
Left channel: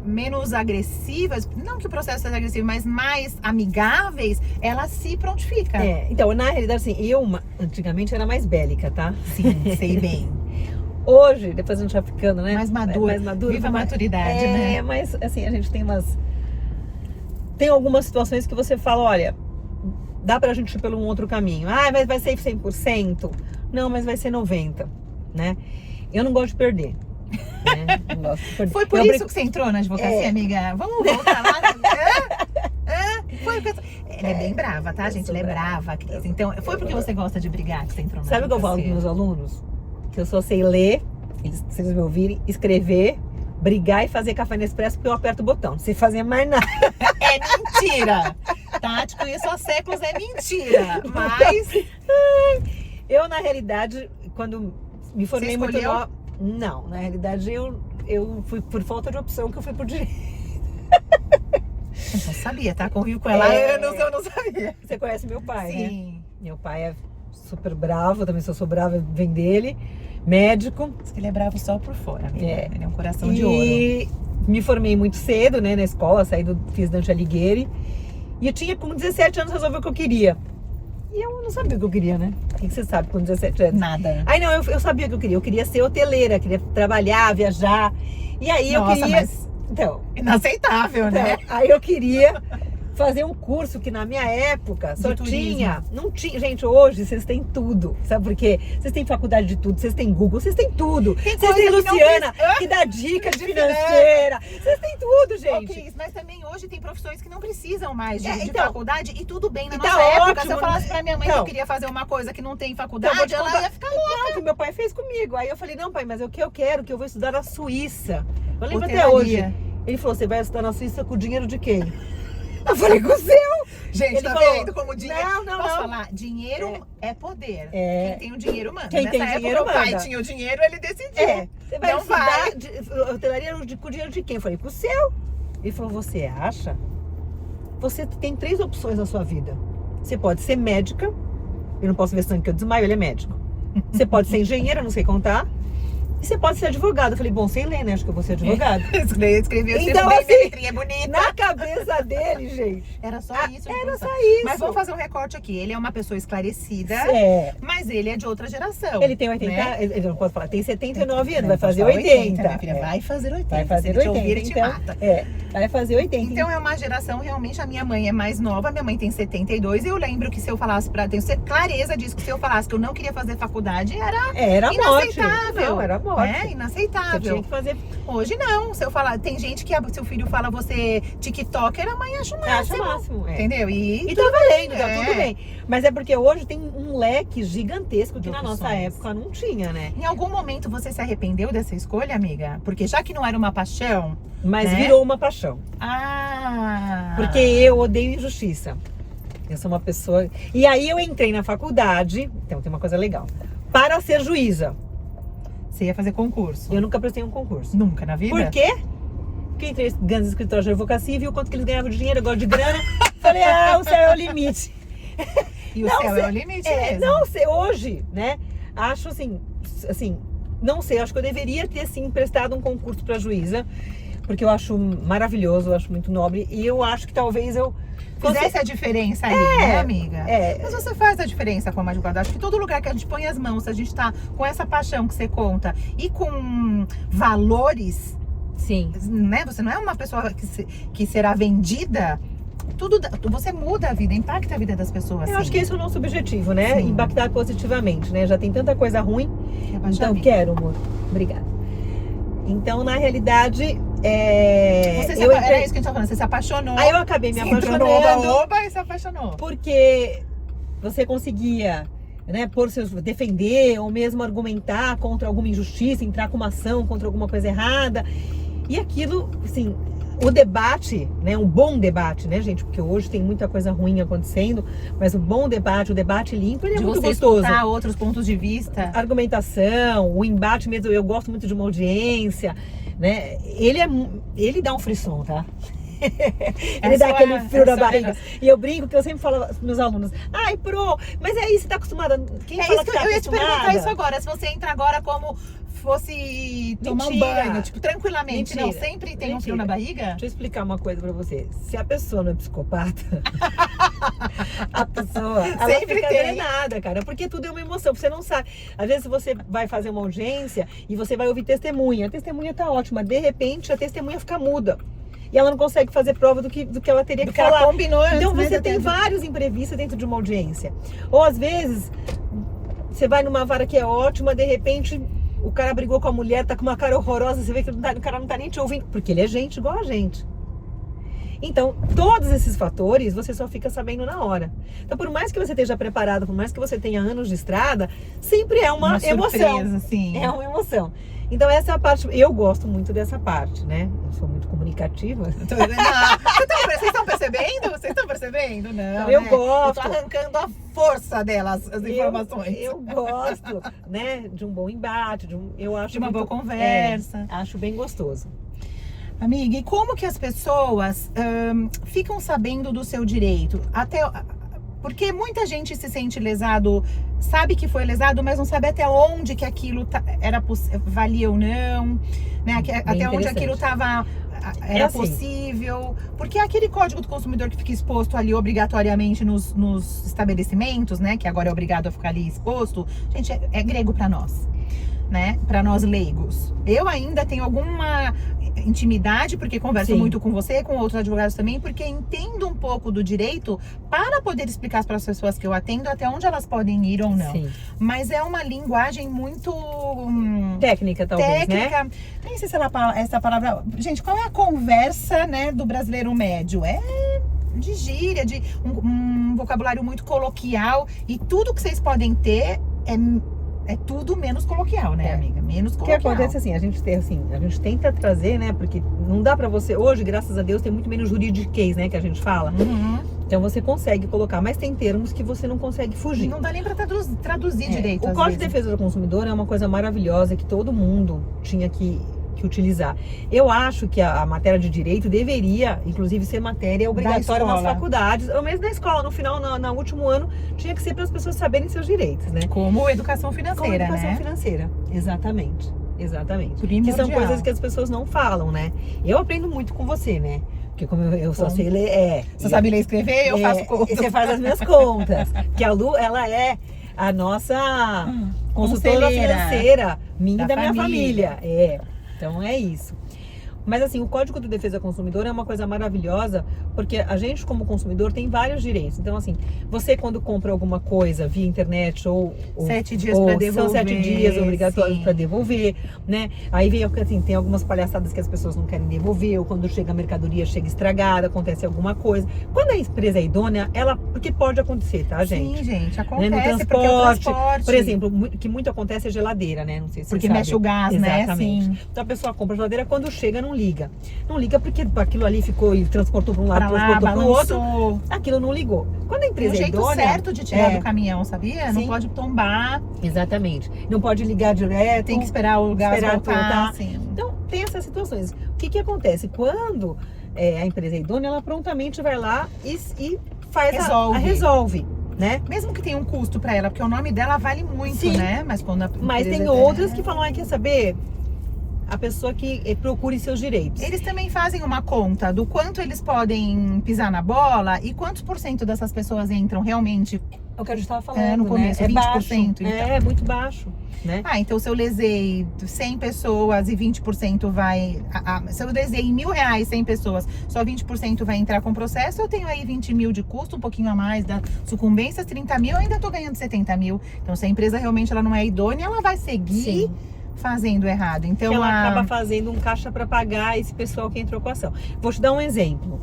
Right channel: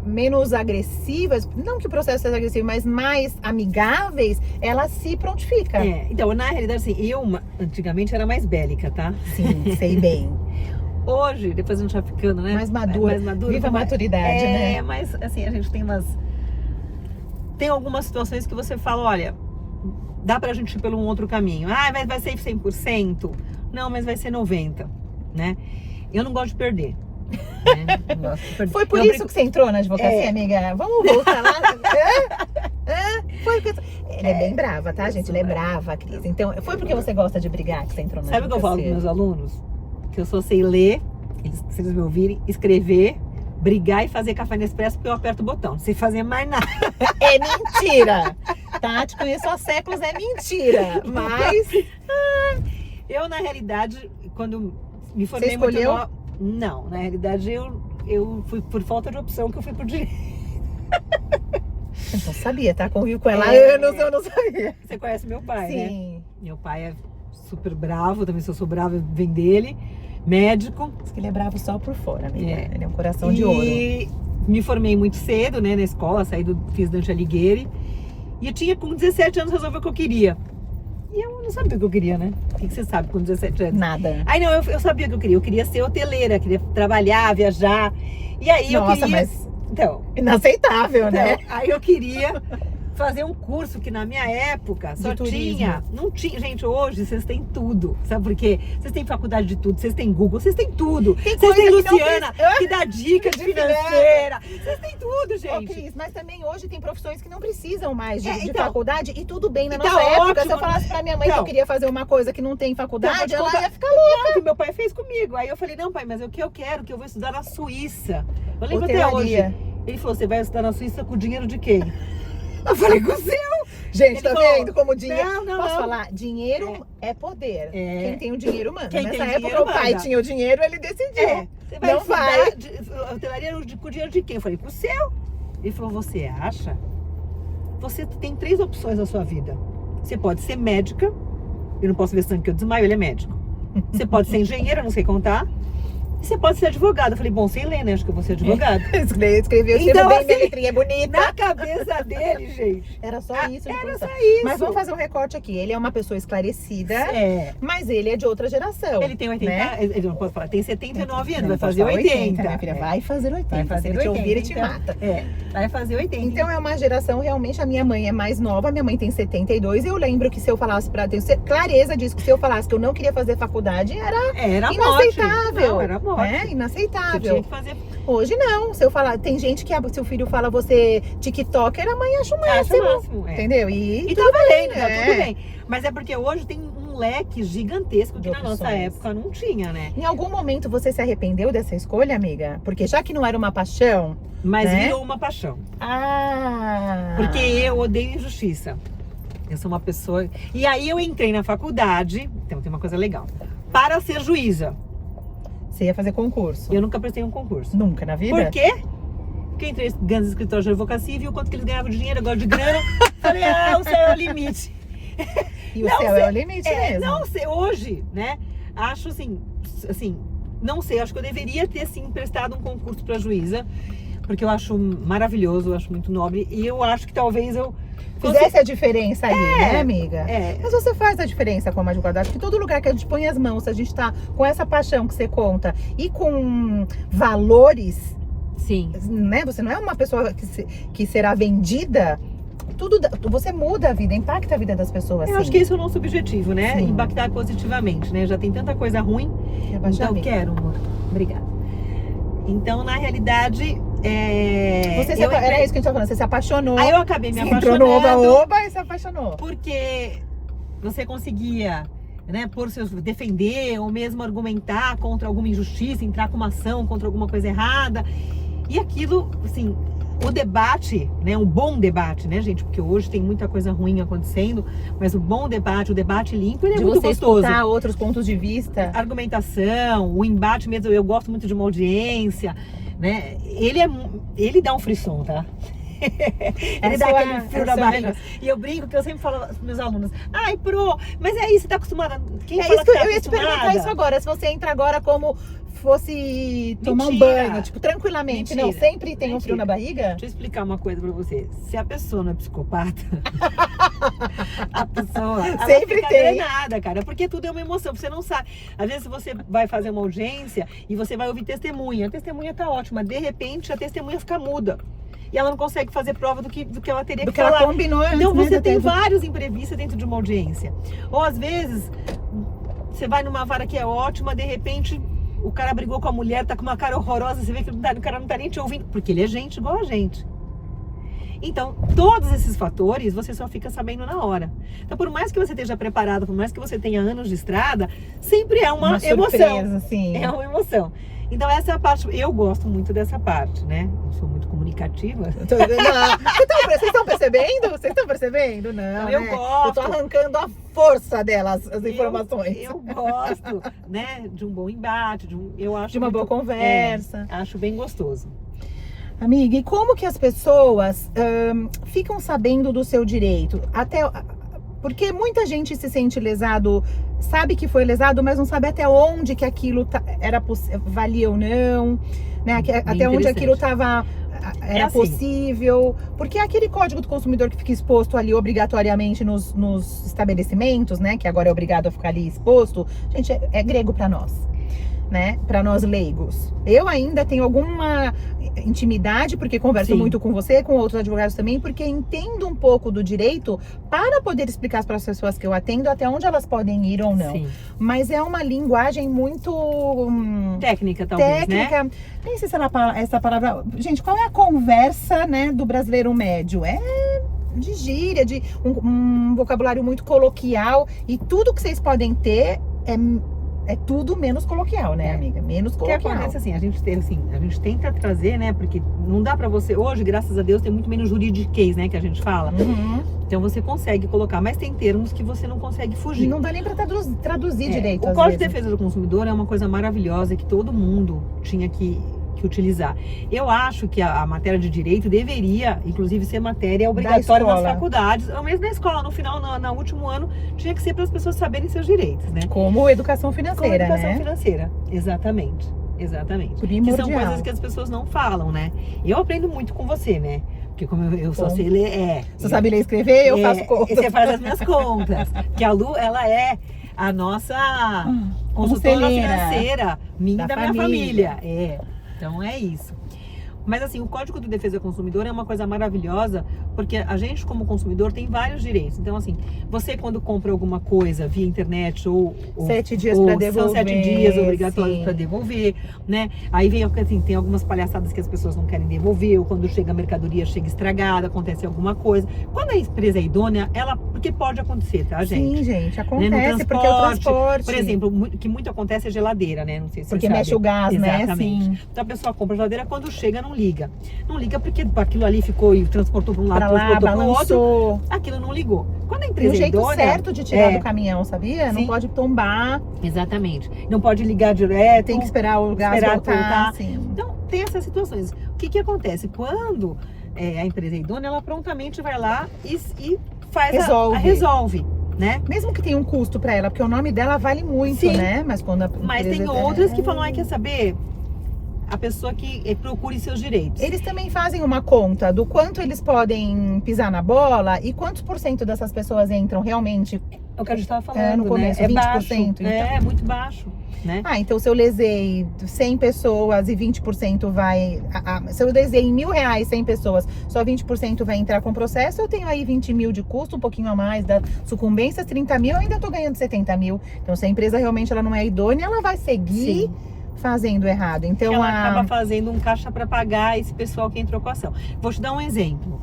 menos agressivas, não que o processo seja agressivo, mas mais amigáveis, ela se prontifica. É, então, na realidade, assim, antigamente era mais bélica, tá? Sim, sei bem. Hoje, depois a gente vai ficando, né? Mais madura. Mais madura. Viva a mas- maturidade, né? Mas assim, a gente tem algumas situações que você fala, olha, dá pra gente ir pelo um outro caminho. Ah, mas vai ser 100%? Não, mas vai ser 90%, né? Eu não gosto de perder. Né? Não gosto de perder. Foi por Eu isso brinco- que você entrou na advocacia, É. amiga? Vamos voltar lá. Foi porque... Ela é bem brava, tá, gente? Ela é brava, Cris. Então, foi porque você gosta de brigar que você entrou na Sabe o que eu falo advocacia? com meus alunos? Que eu só sei ler, se eles me ouvirem, escrever, brigar e fazer café Nespresso porque eu aperto o botão. Não sei fazer mais nada. É mentira! Tá? Te conheço há séculos, é mentira. Mas Eu, na realidade, quando me formei Você muito escolheu? nova... Não, na realidade, eu fui por falta de opção que eu fui por direito. eu não sabia, tá? Convivo com ela. É. Eu não sabia. Você conhece meu pai, né? Sim. Meu pai é super bravo, também se eu sou brava, vem dele. Médico. Diz que ele é bravo só por fora, amiga. É. Ele é um coração de ouro. E me formei muito cedo, né, na escola, fiz Dante Alighieri. E eu tinha, com 17 anos, resolvi o que eu queria. E eu não sabia o que eu queria, né? O que você sabe com 17 anos? Nada. Aí não, eu sabia o que eu queria. Eu queria ser hoteleira, queria trabalhar, viajar. E aí eu Nossa, queria... mas Então, inaceitável, né? aí eu queria fazer um curso que na minha época só De turismo. tinha. Não tinha. Gente, hoje vocês têm tudo. Sabe por quê? Vocês têm faculdade de tudo, vocês têm Google, vocês têm tudo. Tem Vocês coisa têm que não Luciana, precisa. que dá dica de De financeira. Vocês têm tudo, Ô, gente. Cris, mas também hoje tem profissões que não precisam mais de Então. faculdade e tudo bem. Na E nossa tá época, ótimo, se eu falasse pra minha mãe que Então. eu queria fazer uma coisa que não tem Então, faculdade, vou te ela contar- ia ficar louca. o que meu pai fez comigo. Aí eu falei, não, pai, mas o que eu quero? Que eu vou estudar na Suíça. Eu lembro até hoje. Hotelaria. Ele falou, você vai estudar na Suíça com o dinheiro de quem? Eu falei, com o seu. Gente, Ele tá falou, vendo como dinheiro... Não, Posso não. falar? Dinheiro é poder. É. Quem tem o dinheiro manda. Quem Nessa tem época, dinheiro o pai manda. tinha o dinheiro, ele decidiu. É, você vai Meu pai... estudar hotelaria com o dinheiro de quem? Eu falei, com o seu. Ele falou, você acha? Você tem 3 opções na sua vida. Você pode ser médica, eu não posso ver sangue que eu desmaio, ele é médico. Você pode ser engenheiro, eu não sei contar. E você pode ser advogado. Eu falei, bom, sei ler, né? Acho que eu vou ser advogado. Escreveu Então, bem, assim, minha letrinha é bonita. Na cabeça dele, gente. Era só isso. ele Era pensava. só isso. Mas vamos fazer um recorte aqui. Ele é uma pessoa esclarecida, É. mas ele é de outra geração. Ele tem 80, né? ele não pode falar, tem 79 anos, Não, vai pode fazer falar 80. minha filha. É. Vai fazer 80. Vai fazer Se ele te ouvir, 80, ele te então. mata. É, vai fazer 80. Então é uma geração realmente, a minha mãe é mais nova, minha mãe tem 72, eu lembro que se eu falasse tenho clareza disso, que se eu falasse que eu não queria fazer faculdade, era inaceitável. Não, era morte. Né? Você Inaceitável. tinha que fazer. Hoje não, se eu falar, tem gente que seu filho fala você TikToker, a mãe acha o Acho máximo. máximo, é. Entendeu? E tá valendo, tá é. tudo bem. Mas é porque hoje tem um leque gigantesco que De na nossa opções. época não tinha, né? Em algum momento você se arrependeu dessa escolha, amiga? Porque já que não era uma paixão. Mas Né? virou uma paixão. Porque eu odeio injustiça. Eu sou uma pessoa. E aí eu entrei na faculdade, então tem uma coisa legal, para ser juíza. Você ia fazer concurso. Eu nunca prestei um concurso. Nunca na vida? Por quê? Porque entrei nos grandes escritórios de advocacia e vi o quanto que eles ganhavam de dinheiro, eu gosto de grana. Falei, o céu é o limite. E o Não, céu é o limite mesmo. não sei, hoje, né? Acho assim, não sei, acho que eu deveria ter sim prestado um concurso para juíza, porque eu acho maravilhoso, eu acho muito nobre e eu acho que talvez eu Fizesse a diferença ali, né, amiga? É. Mas você faz a diferença como advogado. Acho que todo lugar que a gente põe as mãos, se a gente tá com essa paixão que você conta e com valores, Sim. né? Você não é uma pessoa que será vendida. você muda a vida, impacta a vida das pessoas. Eu acho que esse é o nosso objetivo, né? Sim. Impactar positivamente, né? Já tem tanta coisa ruim. Então, quero, amor. Obrigada. Então, na realidade, era isso que a gente tava falando, você se apaixonou. Aí eu acabei me entrou apaixonando. no oba-oba e se apaixonou. Porque você conseguia, né, defender ou mesmo argumentar contra alguma injustiça, entrar com uma ação contra alguma coisa errada. E aquilo, assim, o debate, né, um bom debate, né, gente? Porque hoje tem muita coisa ruim acontecendo, mas o bom debate, o debate limpo, ele é muito gostoso. Escutar outros pontos de vista. Argumentação, o embate mesmo, eu gosto muito de uma audiência, né? Ele dá um frisson, tá? Ele dá aquele frio na barriga. E eu brinco que eu sempre falo aos meus alunos: ai, Pro, mas aí você tá acostumada? Quem fala que tá acostumada? Eu ia te perguntar isso agora, se você entra agora como fosse tomar um banho, tipo, tranquilamente. Não, sempre tem um frio na barriga? Deixa eu explicar uma coisa pra você. Se a pessoa não é psicopata, a pessoa ela sempre fica drenada, cara, porque tudo é uma emoção, você não sabe. Às vezes você vai fazer uma audiência e você vai ouvir testemunha. A testemunha tá ótima, de repente a testemunha fica muda. E ela não consegue fazer prova do que ela teria que falar. Ela combinou antes, então você tem vários imprevistos dentro de uma audiência. Ou às vezes você vai numa vara que é ótima, de repente o cara brigou com a mulher, tá com uma cara horrorosa, você vê que o cara não tá nem te ouvindo, porque ele é gente igual a gente. Então, todos esses fatores você só fica sabendo na hora. Então, por mais que você esteja preparado, por mais que você tenha anos de estrada, sempre é uma emoção. Surpresa, sim. É uma emoção. Então, essa é a parte, eu gosto muito dessa parte, né? Eu sou muito comunicativa. Vocês estão percebendo? Vocês estão percebendo? Não, eu gosto. Eu tô arrancando a força delas, as informações. Eu gosto, né? De um bom embate, de uma boa conversa. Acho bem gostoso. Amiga, e como que as pessoas ficam sabendo do seu direito? Porque muita gente se sente lesado, sabe que foi lesado, mas não sabe até onde que aquilo valia ou não, né? Até onde aquilo era possível. Porque é aquele código do consumidor que fica exposto ali obrigatoriamente nos estabelecimentos, né? Que agora é obrigado a ficar ali exposto. Gente, é grego para nós, né? Para nós leigos. Eu ainda tenho alguma intimidade, porque converso muito com você, com outros advogados também, porque entendo um pouco do direito para poder explicar para as pessoas que eu atendo até onde elas podem ir ou não. Sim. Mas é uma linguagem muito técnica, talvez, né? Nem sei se essa palavra... Gente, qual é a conversa, né, do brasileiro médio? É de gíria, de um vocabulário muito coloquial, e tudo que vocês podem ter é tudo menos coloquial, né, amiga? Menos coloquial. O que acontece assim, a gente tenta trazer, né? Porque não dá pra você... Hoje, graças a Deus, tem muito menos juridiquês, né? Que a gente fala. Uhum. Então você consegue colocar, mas tem termos que você não consegue fugir. Não dá nem pra traduzir direito. O Código de Defesa do Consumidor é uma coisa maravilhosa que todo mundo tinha que utilizar. Eu acho que a matéria de direito deveria, inclusive, ser matéria obrigatória nas faculdades, ou mesmo na escola. No final, no último ano, tinha que ser para as pessoas saberem seus direitos, né? Como educação financeira, Como educação financeira, exatamente. Que são coisas que as pessoas não falam, né? Eu aprendo muito com você, né? Porque como eu só sei ler... Você sabe ler e escrever, eu faço contas. Você faz as minhas contas. Que a Lu, ela é a nossa consultora financeira, minha e da minha família. Então é isso. Mas assim, o Código de Defesa do Consumidor é uma coisa maravilhosa, porque a gente como consumidor tem vários direitos. Então assim, você quando compra alguma coisa via internet ou 7 dias para devolver. São 7 dias obrigatórios para devolver, né? Aí vem assim, tem algumas palhaçadas que as pessoas não querem devolver, ou quando chega a mercadoria chega estragada, acontece alguma coisa. Quando a empresa é idônea, porque pode acontecer, tá, gente? Sim, gente, acontece, né? No transporte, porque o transporte... Por exemplo, que muito acontece é geladeira, né? Não sei se porque você mexe sabe. o gás, exatamente, né? Sim. Então a pessoa compra a geladeira, quando chega não liga. Não liga porque aquilo ali ficou e transportou para um lado, transportou para o outro. Aquilo não ligou. Quando a empresa é idônea... Tem um jeito certo de tirar do caminhão, sabia? Sim. Não pode tombar. Exatamente. Não pode ligar direto. Tem que esperar o gás voltar. Sim. Então, tem essas situações. O que acontece? Quando a empresa é idônea, ela prontamente vai lá e faz resolve. Né? Mesmo que tenha um custo para ela, porque o nome dela vale muito, sim, né? Mas quando tem outras que falam, quer saber... A pessoa que procure seus direitos. Eles também fazem uma conta do quanto eles podem pisar na bola e quantos % dessas pessoas entram realmente É o que a gente estava falando, no começo, né? É 20%, baixo. então. É muito baixo, né? Então se eu lesei 100 pessoas e 20% vai... se eu lesei em R$1.000 100 pessoas, só 20% vai entrar com processo, eu tenho aí 20 mil de custo, um pouquinho a mais da sucumbência, 30 mil, eu ainda tô ganhando 70 mil. Então se a empresa realmente ela não é idônea, ela vai seguir... Sim. fazendo errado. Então ela acaba fazendo um caixa para pagar esse pessoal que entrou com a ação. Vou te dar um exemplo.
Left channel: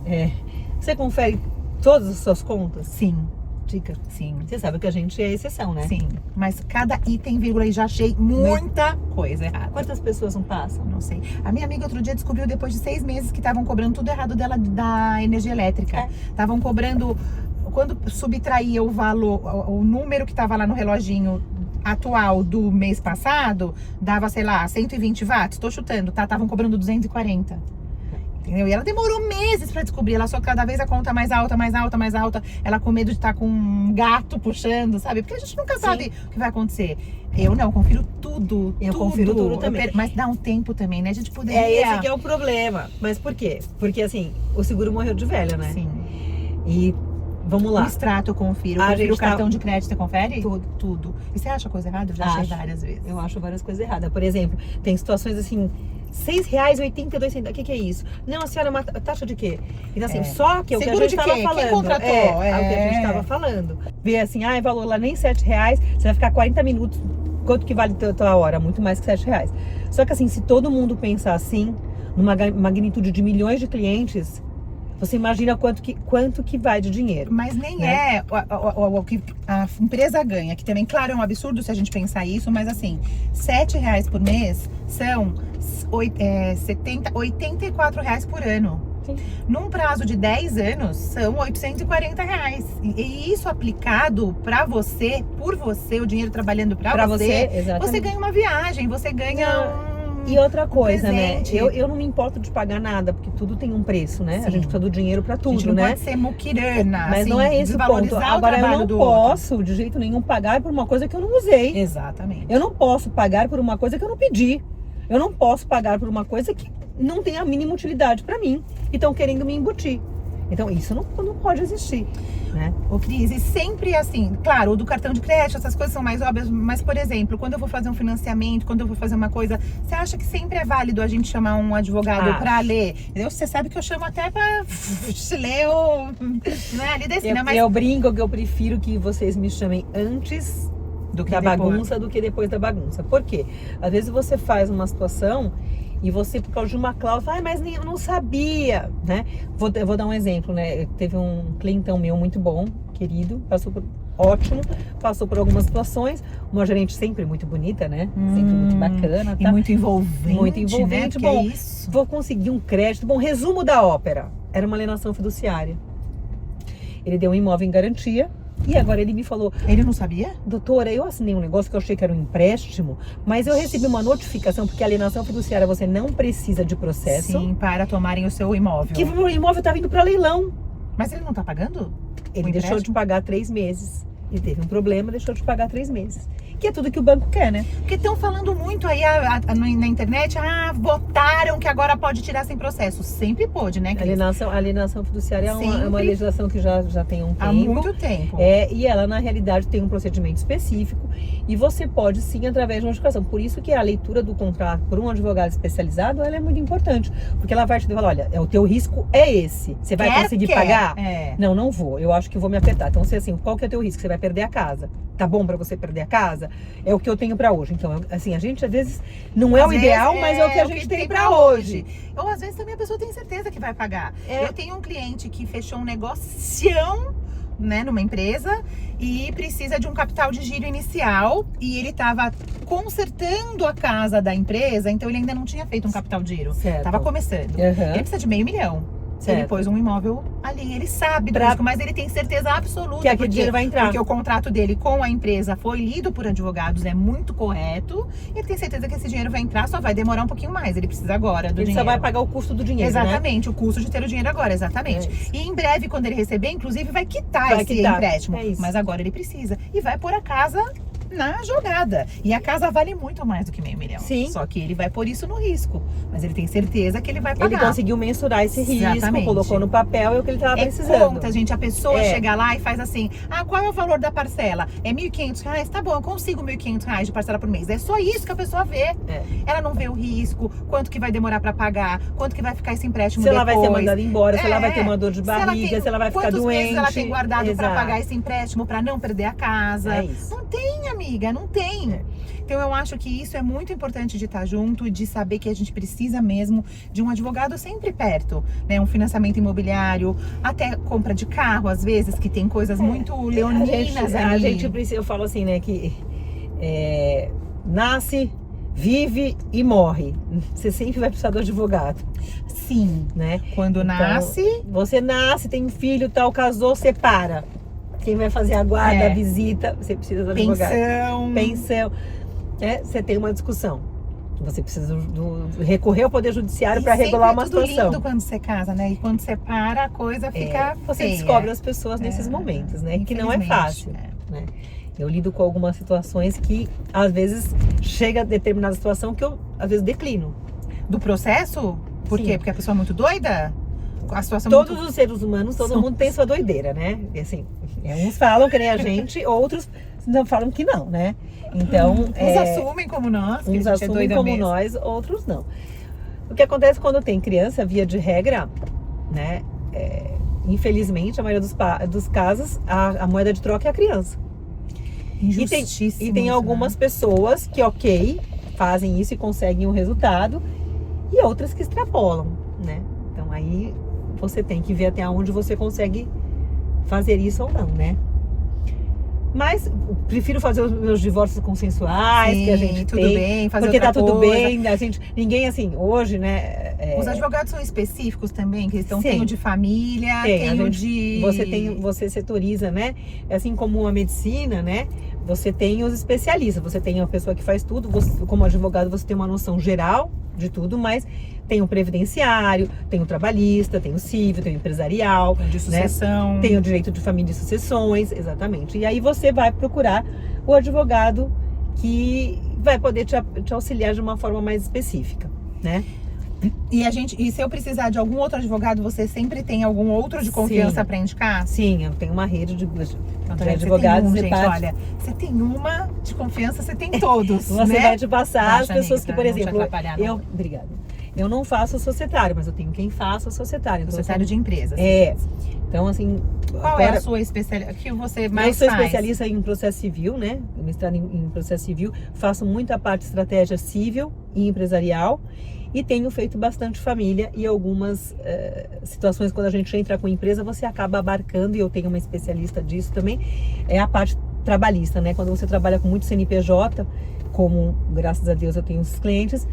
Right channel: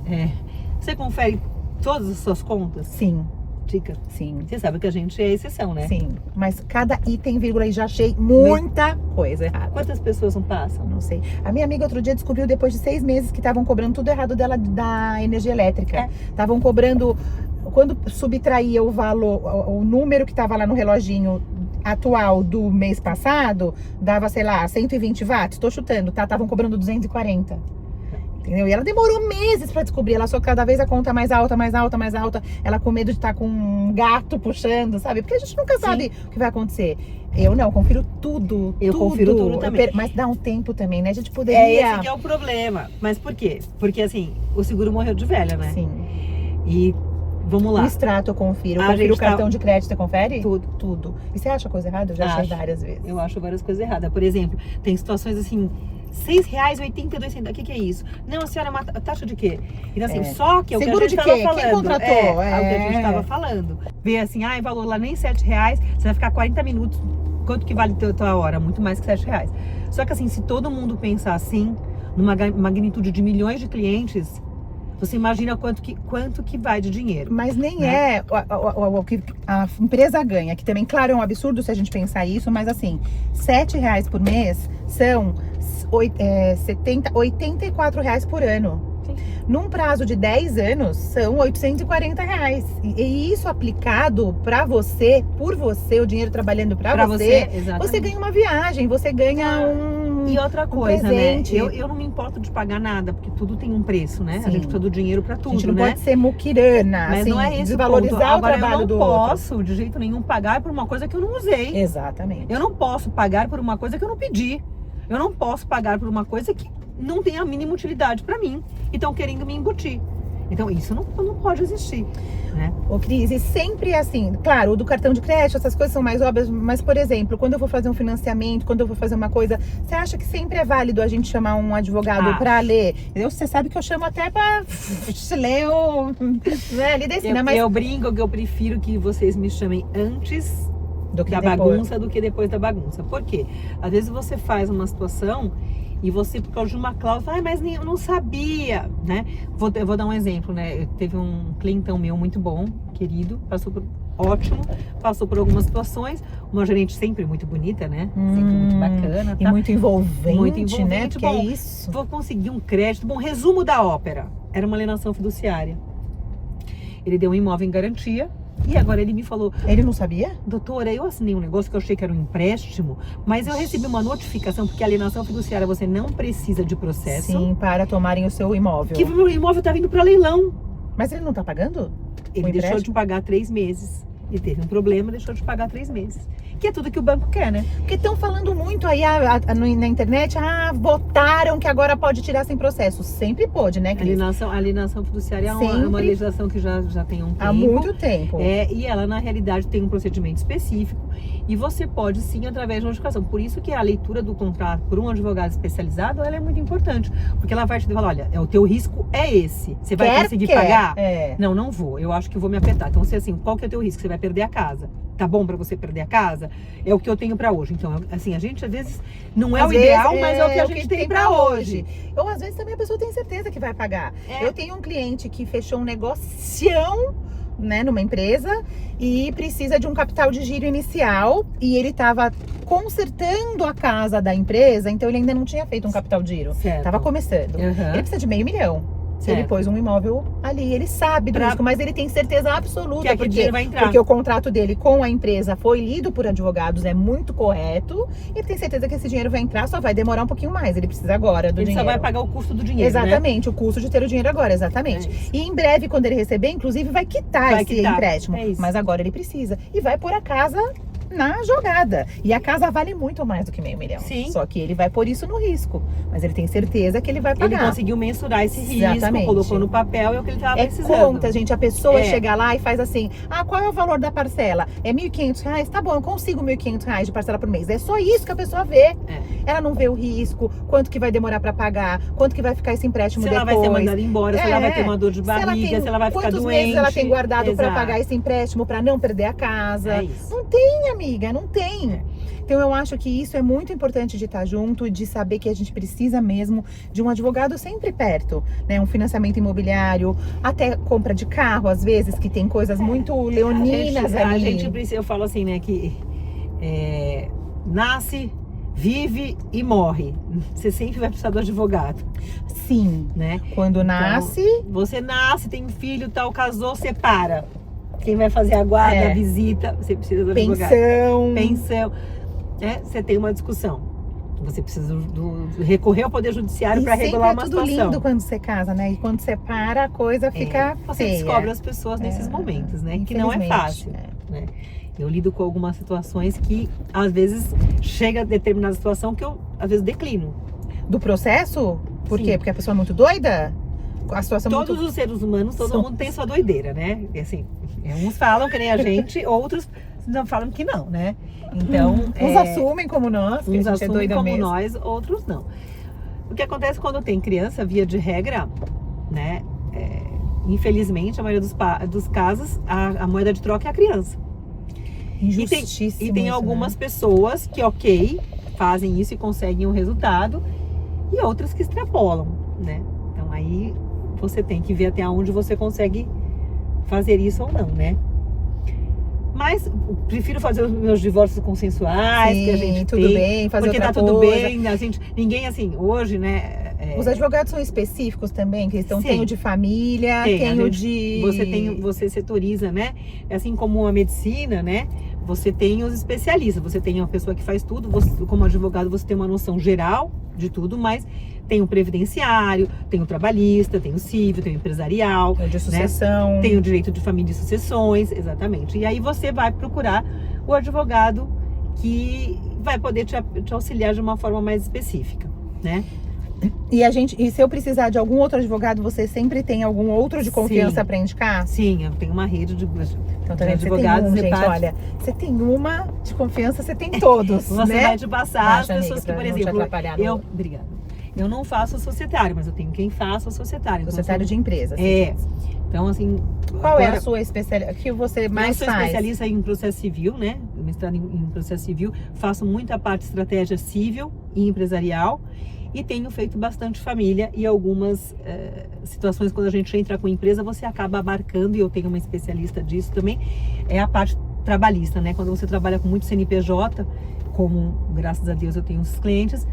Você confere todas as suas contas? Sim. Dica. Sim. Você sabe que a gente é exceção, né? Sim. Mas cada item, vírgula, e já achei muita coisa errada. Quantas pessoas não passam? Não sei. A minha amiga outro dia descobriu depois de 6 meses que estavam cobrando tudo errado dela da energia elétrica. Estavam cobrando, quando subtraía o valor, o número que estava lá no reloginho atual do mês passado, dava, sei lá, 120 watts, tô chutando, tá? Estavam cobrando 240. Entendeu? E ela demorou meses pra descobrir, ela só cada vez a conta mais alta, mais alta, mais alta, ela com medo de estar com um gato puxando, sabe? Porque a gente nunca sabe o que vai acontecer. Eu não, confiro tudo. Confiro tudo também. Mas dá um tempo também, né? A gente poderia... Esse que é o problema. Mas por quê? Porque assim, o seguro morreu de velha, né? Sim. E vamos lá. O extrato eu confiro. Eu confiro o cartão de crédito, você confere? Tudo. Tudo. E você acha coisa errada? Eu já achei várias vezes. Eu acho várias coisas erradas. Por exemplo, tem situações assim... R$6,82. O que é isso? Não, a senhora, taxa de quê? Então assim, só que é o que a gente estava falando. É o que a gente estava falando. Vê assim, valor lá nem R$7, você vai ficar 40 minutos. Quanto que vale a tua hora? Muito mais que R$7. Só que assim, se todo mundo pensar assim, numa magnitude de milhões de clientes, você imagina quanto que vai de dinheiro. Mas nem é o que a empresa ganha, que também, claro, é um absurdo se a gente pensar isso, mas assim, R$7 por mês são 84 reais por ano. Sim. Num prazo de 10 anos, são R$840. E isso aplicado pra você, por você, o dinheiro trabalhando pra você, você ganha uma viagem, você ganha E outra coisa, né? presente. Eu não me importo de pagar nada, porque tudo tem um preço, né? Sim. A gente precisa do dinheiro pra tudo, a gente não né? pode ser muquirana, mas assim, não é esse o ponto. Agora, eu não do posso, outro. de jeito nenhum, pagar por uma coisa que eu não usei. Exatamente. Eu não posso pagar por uma coisa que eu não pedi. Eu não posso pagar por uma coisa que não tem a mínima utilidade pra mim. E estão querendo me embutir. Então, isso não pode existir, né? Ô, Cris, e sempre é assim, claro, o do cartão de crédito, essas coisas são mais óbvias, mas, por exemplo, quando eu vou fazer um financiamento, quando eu vou fazer uma coisa, você acha que sempre é válido a gente chamar um advogado pra ler? Você sabe que eu chamo até pra ler o... Né, ali desse, né? Mas... Eu brinco que eu prefiro que vocês me chamem antes da bagunça do que depois da bagunça. Por quê? Às vezes você faz uma situação e você, por causa de uma cláusula, mas nem eu não sabia, né? Eu vou dar um exemplo, né? Teve um clientão meu muito bom, querido, ótimo, passou por algumas situações, uma gerente sempre muito bonita, né? Sempre muito bacana, e muito envolvente, né? Bom, é isso. Vou conseguir um crédito. Bom, resumo da ópera. Era uma alienação fiduciária. Ele deu um imóvel em garantia. E agora ele me falou... Ele não sabia? Doutora, eu assinei um negócio que eu achei que era um empréstimo, mas eu recebi uma notificação, porque a alienação fiduciária você não precisa de processo. Sim, para tomarem o seu imóvel. Que o imóvel tá vindo para leilão. Mas ele não tá pagando? Ele deixou de pagar 3 meses. Ele teve um problema, deixou de pagar 3 meses. Que é tudo que o banco quer, né? Porque estão falando muito aí na internet, votaram que agora pode tirar sem processo. Sempre pôde, né, Cris? A alienação fiduciária é uma legislação que já tem um tempo. Há muito tempo. E ela, na realidade, tem um procedimento específico. E você pode, sim, através de notificação. Por isso que a leitura do contrato por um advogado especializado, ela é muito importante. Porque ela vai te falar, olha, o teu risco é esse. Você vai conseguir pagar? Não, não vou. Eu acho que vou me apertar. Então, assim, qual que é o teu risco? Você vai perder a casa. Tá bom pra você perder a casa? É o que eu tenho pra hoje. Então, assim, a gente, às vezes, não é o ideal, mas é o que a gente tem pra hoje. Ou, às vezes, também a pessoa tem certeza que vai pagar. Eu tenho um cliente que fechou um negocião, né, numa empresa e precisa de um capital de giro inicial e ele estava consertando a casa da empresa, então ele ainda não tinha feito um capital de giro. Tava começando. Ele precisa de R$500 mil. Ele pôs um imóvel ali, ele sabe do risco, mas ele tem certeza absoluta que aquele dinheiro vai entrar. Porque o contrato dele com a empresa foi lido por advogados, é muito correto. Ele tem certeza que esse dinheiro vai entrar, só vai demorar um pouquinho mais. Ele precisa agora do dinheiro. Ele só vai pagar o custo do dinheiro, exatamente, o custo de ter o dinheiro agora, exatamente. E em breve, quando ele receber, inclusive, vai quitar esse empréstimo. Mas agora ele precisa. E vai pôr a casa na jogada. E a casa vale muito mais do que R$500 mil. Sim. Só que ele vai pôr isso no risco. Mas ele tem certeza que ele vai pagar. Ele conseguiu mensurar esse risco, Exatamente. colocou no papel, é o que ele estava É precisando. conta, gente. A pessoa É. chega lá e faz assim: ah, qual é o valor da parcela? É R$1.500? Tá bom, eu consigo R$1.500 de parcela por mês. É só isso que a pessoa vê. É. Ela não vê o risco, quanto que vai demorar pra pagar, quanto que vai ficar esse empréstimo Se ela depois. vai ser mandada embora, se ela vai ter uma dor de Se ela barriga, tem- se ela vai ficar quantos doente. meses ela tem guardado pra Exato. pagar esse empréstimo, pra não perder a casa. É isso. Não tem, amiga, não tem. Então eu acho que isso é muito importante de estar junto, de saber que a gente precisa mesmo de um advogado sempre perto, né? Um financiamento imobiliário, até compra de carro, às vezes, que tem coisas muito leoninas A ali. gente precisa, eu falo assim, né, que nasce, vive e morre. Você sempre vai precisar do advogado, Sim, né? quando Então, nasce, você nasce, tem um filho, tal, casou, separa. Quem vai fazer a guarda, É. a visita, você precisa do advogado. Pensão. Você tem uma discussão. Você precisa recorrer ao Poder Judiciário para regular uma tudo situação. lindo quando você casa, né? E quando separa, a coisa fica Você feia. descobre as pessoas nesses momentos, né? Que não é Infelizmente, fácil. Né? Eu lido com algumas situações que, às vezes, chega a determinada situação que eu, às vezes, declino. Do processo? Por Sim. quê? Porque a pessoa é muito doida? A situação é Todos muito... os seres humanos, todo São- mundo tem sua doideira, né? E, assim, uns falam que nem a gente, outros não falam que não, né? Então, Uns assumem como nós, que uns a gente é assumem doida como mesmo. nós, outros não. O que acontece quando tem criança, via de regra, né? Infelizmente, a maioria dos casos, a moeda de troca é a criança. Injustíssimo E tem isso, algumas né? pessoas que, ok, fazem isso e conseguem um resultado, e outras que extrapolam, né? Então aí você tem que ver até onde você consegue fazer isso ou não, né? Mas prefiro fazer os meus divórcios consensuais, Sim, que a gente tudo tem, bem, fazer porque outra tá tudo coisa. bem, ninguém assim, hoje, né? Os advogados são específicos também, que estão, Sim. tem o de família, Tem, a tem o gente- de... Você setoriza, né? Assim como a medicina, né? Você tem os especialistas, você tem a pessoa que faz tudo, como advogado você tem uma noção geral de tudo, mas tem o previdenciário, tem o trabalhista, tem o civil, tem o empresarial, de sucessão. tem o direito de família e sucessões, exatamente. E aí você vai procurar o advogado que vai poder te auxiliar de uma forma mais específica, né? E se eu precisar de algum outro advogado, você sempre tem algum outro de confiança Sim. para indicar? Sim, eu tenho uma rede de Então, de você advogados tem de parte. olha, você tem uma de confiança, você tem todos, Você né? vai te passar as Baixa, pessoas amiga, que, por pra não te exemplo, atrapalhar no- obrigada. Eu não faço societário, mas eu tenho quem faça societário. Então, Societário de empresas. Então, assim, Qual é a sua especialidade? O que você mais eu sou faz? especialista em processo civil, né? Mestrado em processo civil. Faço muita parte de estratégia civil e empresarial. E tenho feito bastante família e algumas situações, quando a gente entra com empresa, você acaba abarcando, e eu tenho uma especialista disso também, é a parte trabalhista, né? Quando você trabalha com muito CNPJ, como, graças a Deus, eu tenho os clientes,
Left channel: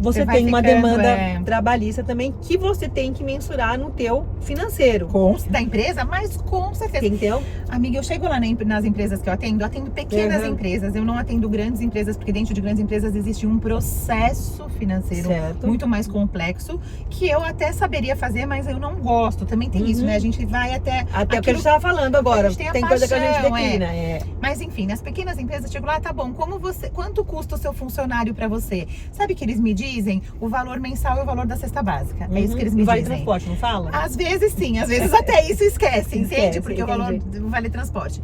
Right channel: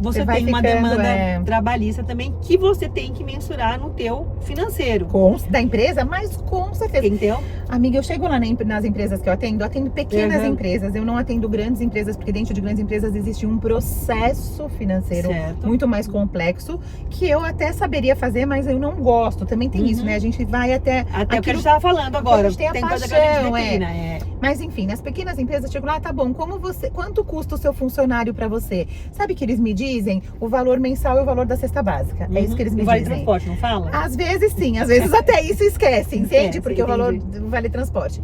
você vai tem uma ficando, demanda trabalhista também que você tem que mensurar no teu financeiro. Da empresa, mas com certeza. Entendeu? Amiga, eu chego lá nas empresas que eu atendo pequenas Uhum. empresas, eu não atendo grandes empresas, porque dentro de grandes empresas existe um processo financeiro Certo. muito mais complexo, que eu até saberia fazer, mas eu não gosto. Também tem isso, né? A gente vai até... Até o que a aquilo- gente estava falando agora. a gente tem a Coisa que a gente paixão, declina. Mas enfim, nas pequenas empresas, eu chego lá, tá bom, quanto custa o seu funcionário pra você? Sabe que eles me dizem o valor mensal e o valor da cesta básica. É isso que eles me Vale dizem. transporte, não fala? Às vezes sim, às vezes até isso esquece, entende? Esquece, Porque o valor do vale transporte.